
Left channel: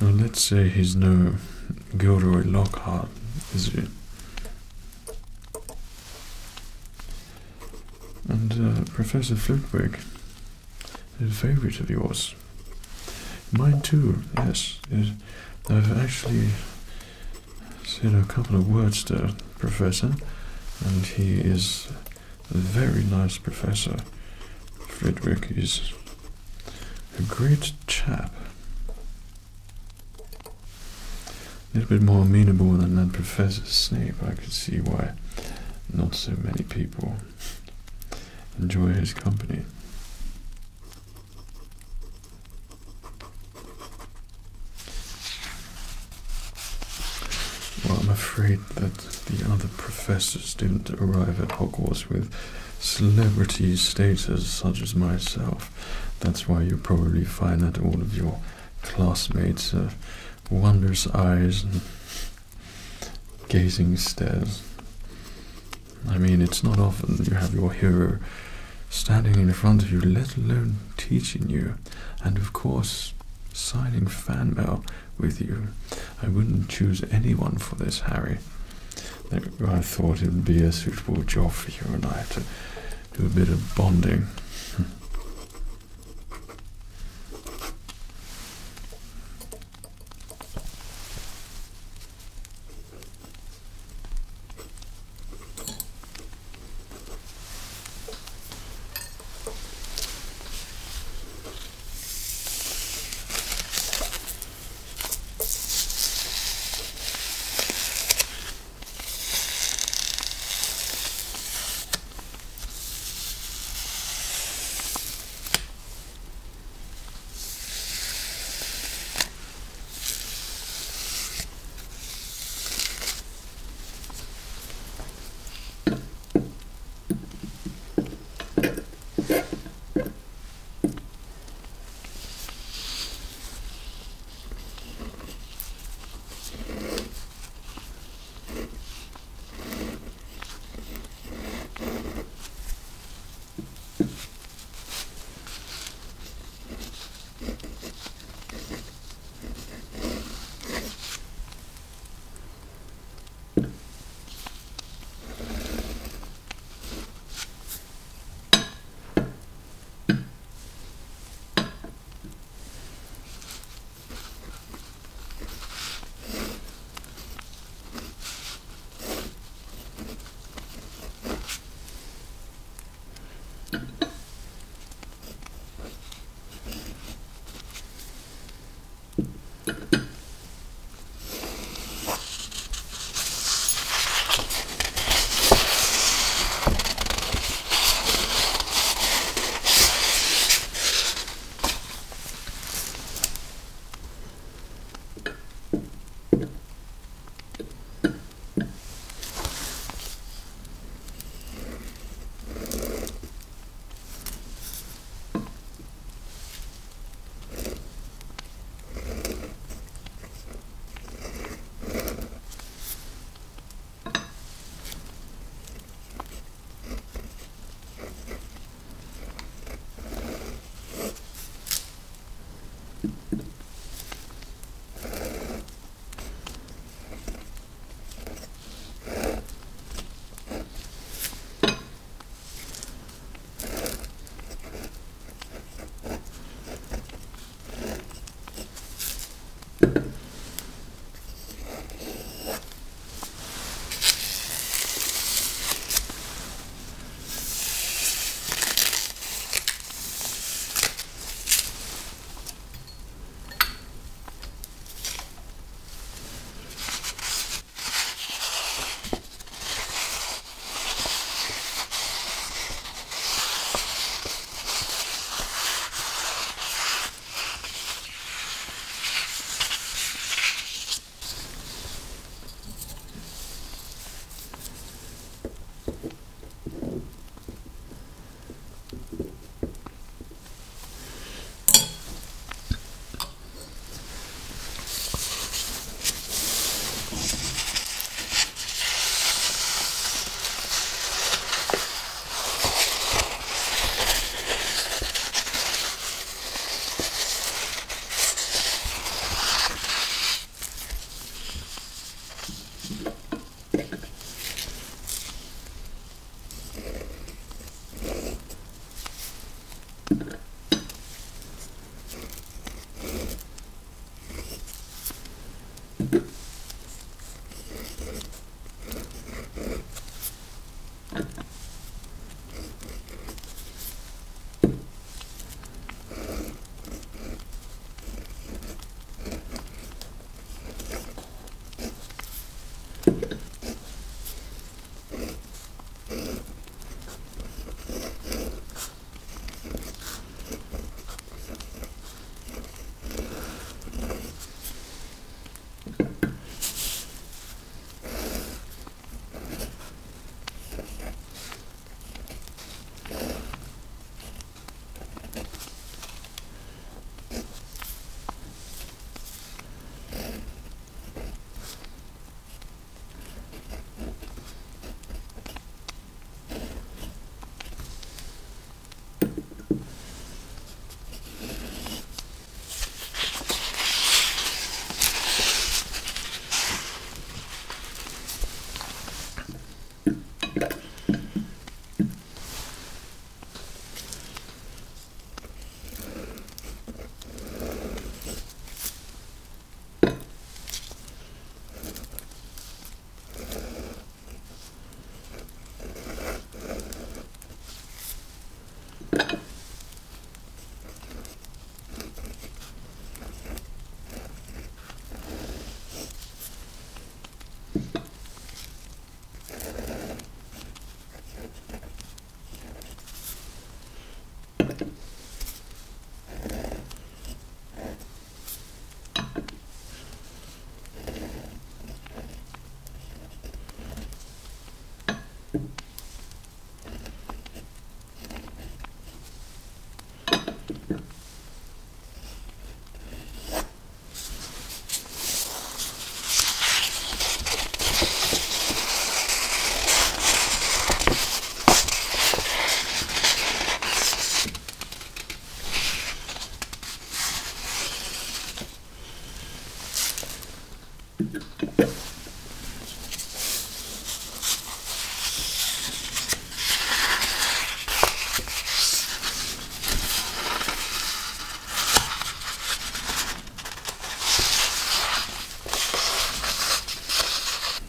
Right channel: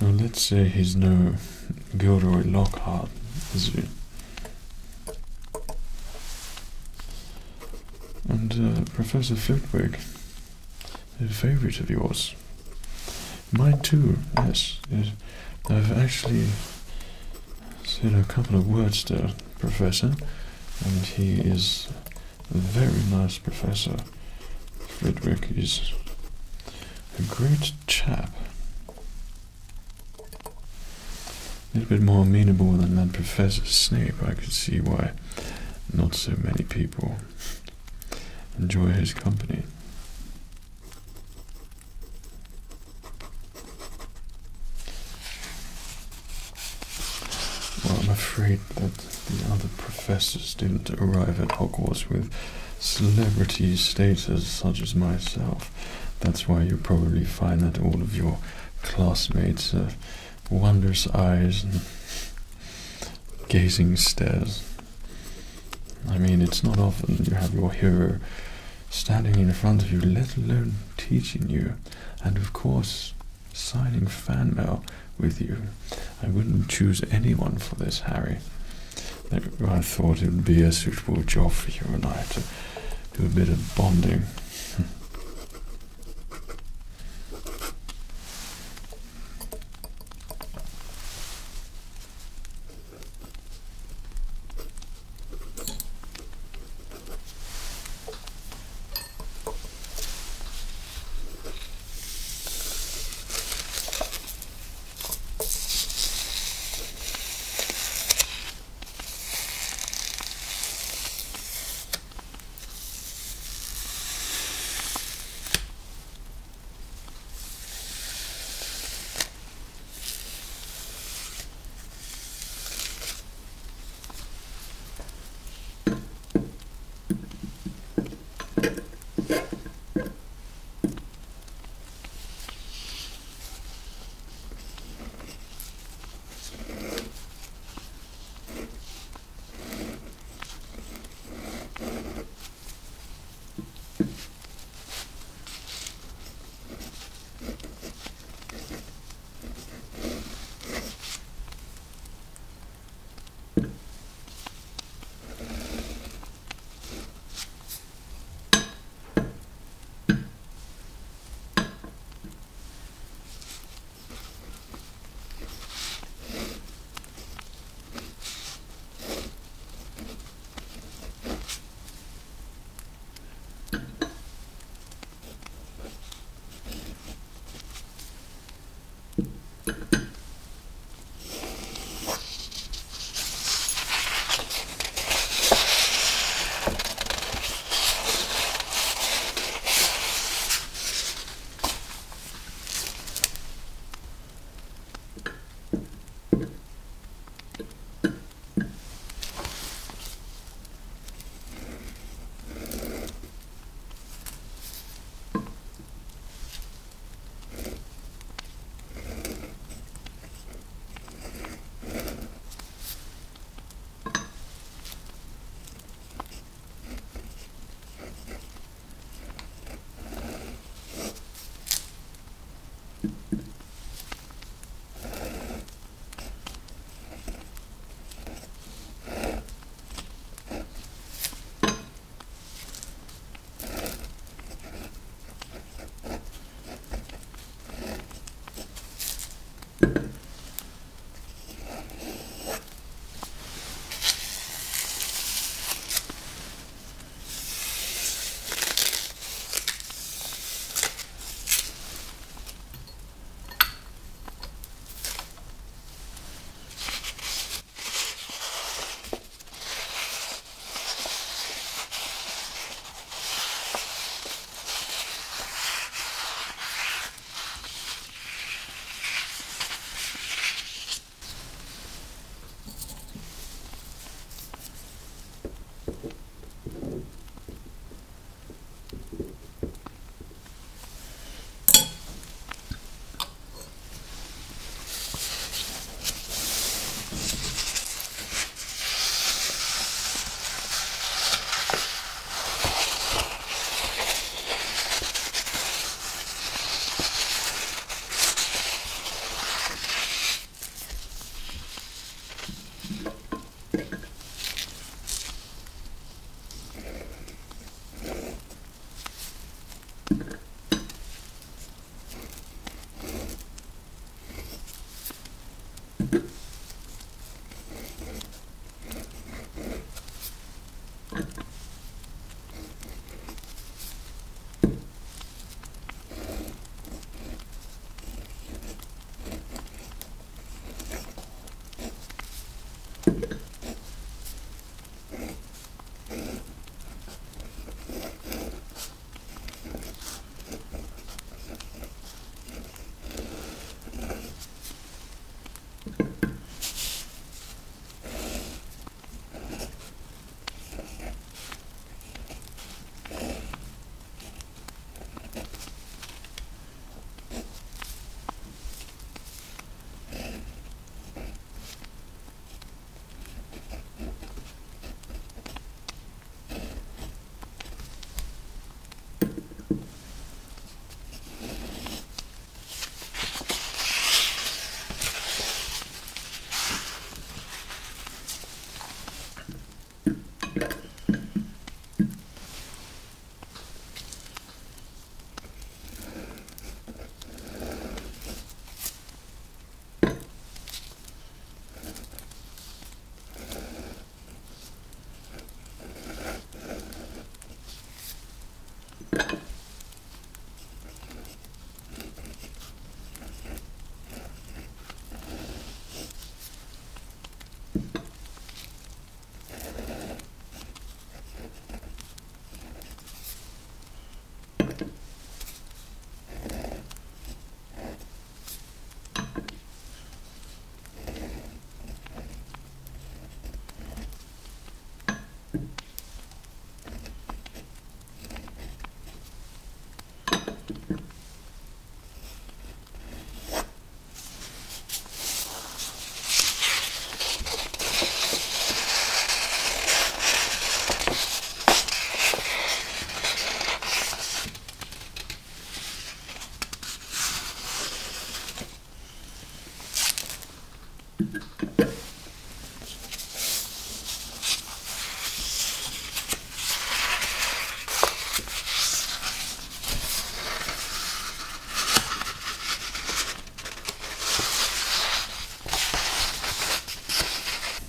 Well, let's say he's no Gilderoy Lockhart, is he? And Professor Flitwick is a favourite of yours. Mine too, yes. I've actually said a couple of words to Professor, and he is a very nice professor. Flitwick is a great chap. A little bit more amenable than that Professor Snape. I could see why not so many people enjoy his company. Well, I'm afraid that the other professors didn't arrive at Hogwarts with celebrity status such as myself. That's why you probably find that all of your classmates have wondrous eyes and gazing stares. I mean, it's not often you have your hero standing in front of you, let alone teaching you, and of course signing fan mail with you. I wouldn't choose anyone for this, Harry. I thought it would be a suitable job for you and I to do a bit of bonding.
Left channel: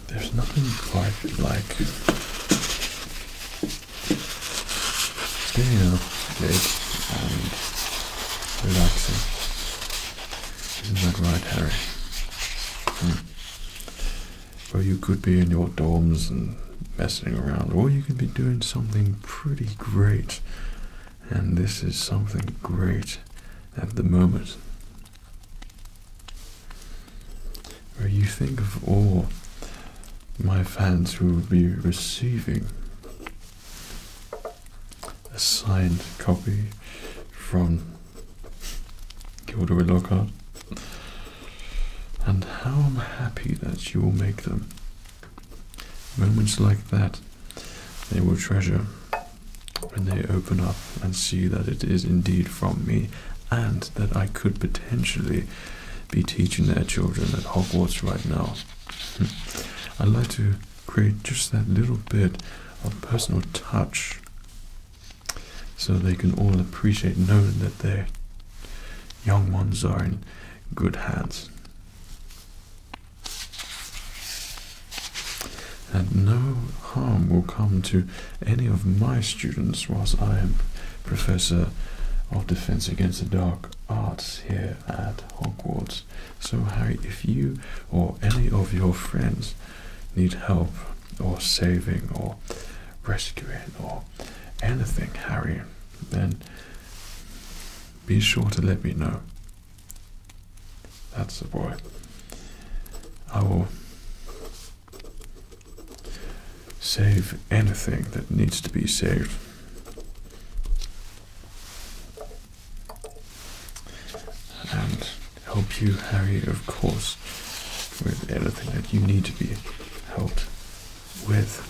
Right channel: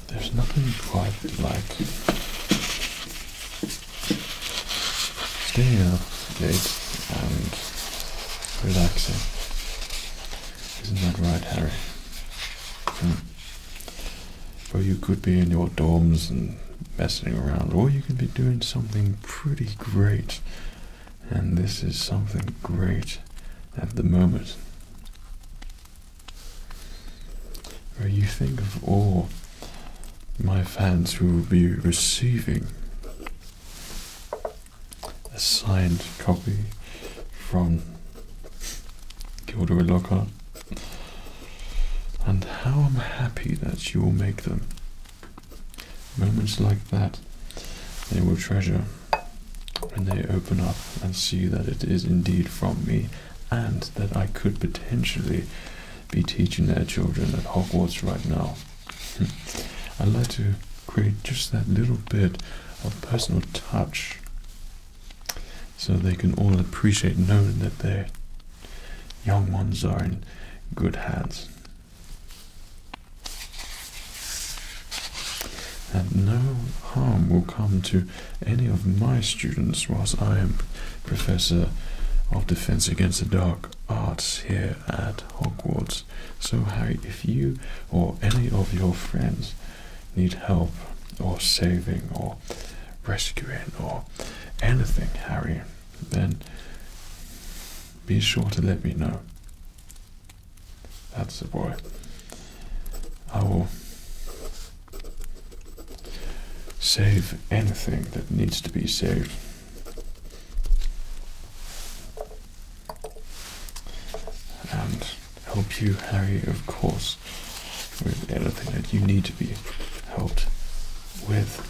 There's nothing quite like staying up late and relaxing. Isn't that right, Harry? Well, you could be in your dorms and messing around, or you could be doing something pretty great. And this is something great at the moment. Where you think of all my fans who will be receiving a signed copy from Gilderoy Lockhart, and how I'm happy that you will make them. Moments like that they will treasure when they open up and see that it is indeed from me, and that I could potentially be teaching their children at Hogwarts right now. I'd like to create just that little bit of personal touch so they can all appreciate knowing that their young ones are in good hands. And no harm will come to any of my students whilst I am Professor of Defense Against the Dark Arts here at Hogwarts. So Harry, if you or any of your friends need help or saving or rescuing or anything, Harry, then be sure to let me know. That's the boy. I will save anything that needs to be saved. And help you, Harry, of course, with anything that you need to be helped with.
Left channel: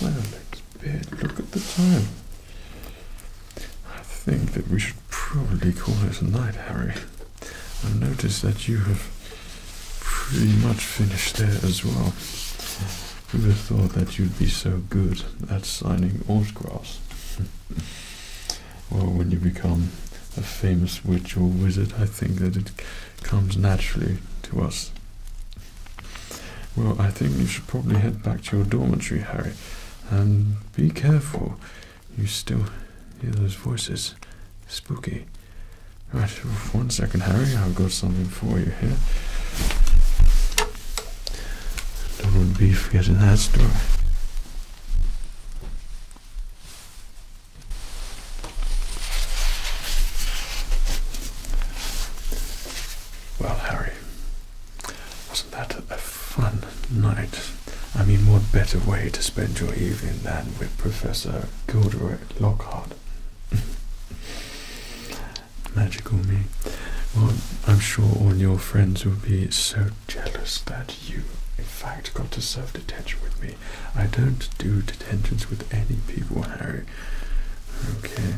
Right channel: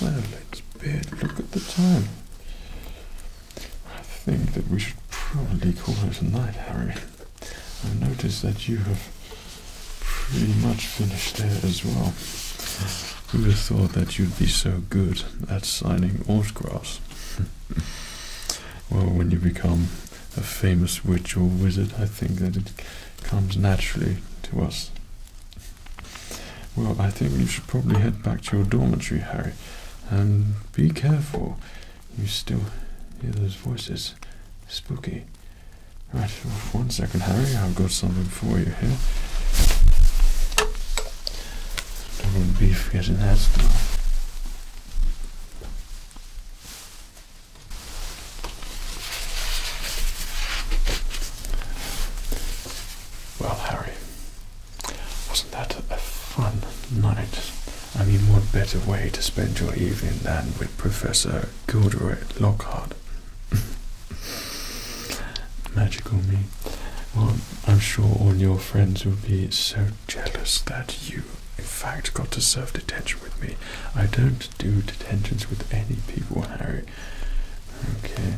Well, it's bed. Look at the time. I think that we should probably call it a night, Harry. I noticed that you have pretty much finished there as well. Who would have thought that you'd be so good at signing autographs? Well, when you become a famous witch or wizard, I think that it comes naturally to us. Well, I think you should probably head back to your dormitory, Harry. And be careful. You still hear those voices. Spooky. Right, well, 1 second, Harry. I've got something for you here. Don't want to be forgetting that story. Well, Harry, wasn't that a fun night? I mean, what better way to spend your evening than with Professor Gilderoy Lockhart? Magical me. Well, I'm sure all your friends will be so jealous that you, in fact, got to serve detention with me. I don't do detentions with any people, Harry. Okay,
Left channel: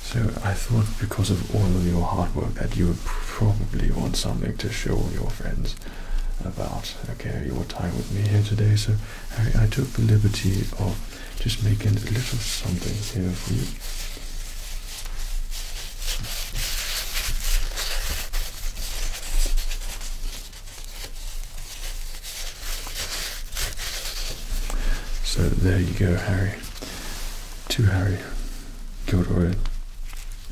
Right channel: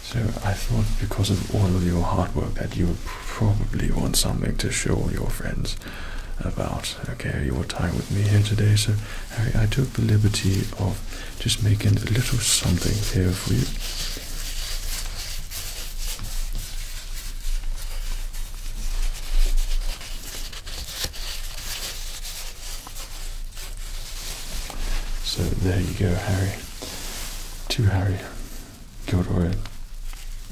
so I thought because of all of your hard work that you would probably want something to show all your friends about, okay, your time with me here today. So, Harry, I took the liberty of just making a little something here for you. So there you go, Harry. To Harry Gilderoy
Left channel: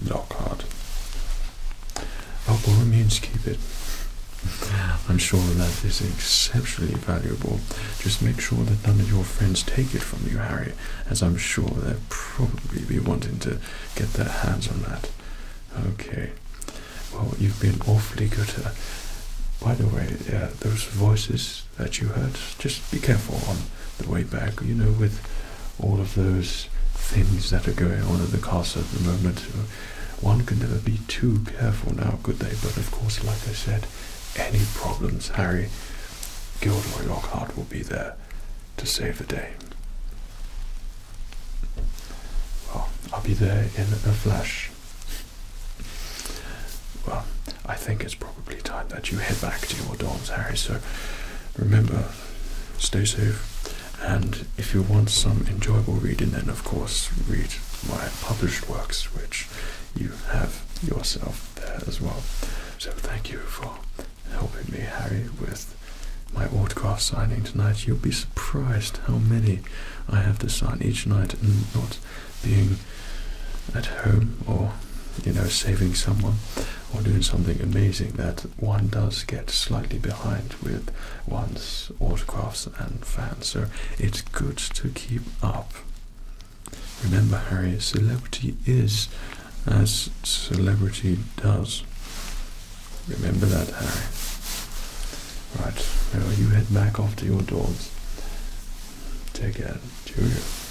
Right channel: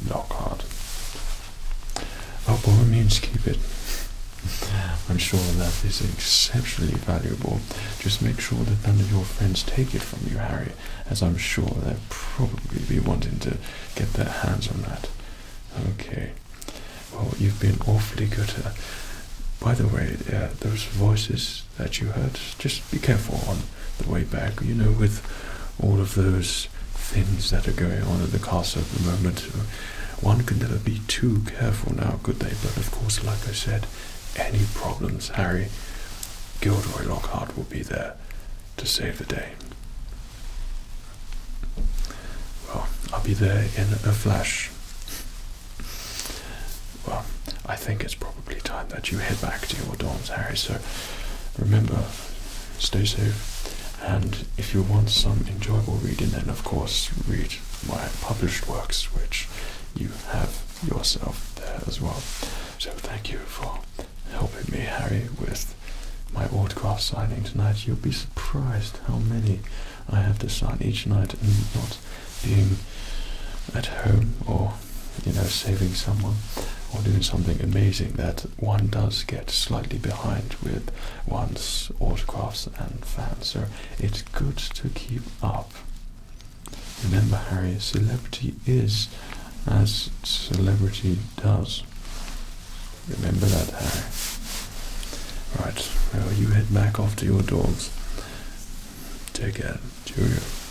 Lockhart. By all means, keep it. I'm sure that is exceptionally valuable. Just make sure that none of your friends take it from you, Harry, as I'm sure they'll probably be wanting to get their hands on that. Okay. Well, you've been awfully good. By the way, those voices that you heard, just be careful on the way back, you know, with all of those things that are going on at the castle at the moment. One can never be too careful now, could they? But of course, like I said, any problems, Harry, Gilderoy Lockhart will be there to save the day. Well, I'll be there in a flash. Well, I think it's probably time that you head back to your dorms, Harry, so remember, stay safe, and if you want some enjoyable reading, then of course read my published works, which you have yourself there as well. So thank you for helping me, Harry, with my autograph signing tonight. You'll be surprised how many I have to sign each night, and not being at home or, you know, saving someone or doing something amazing, that one does get slightly behind with one's autographs and fans. So it's good to keep up. Remember, Harry, celebrity is as celebrity does. Remember that, Harry. Right, well, you head back off to your dogs. Take care. Cheerio.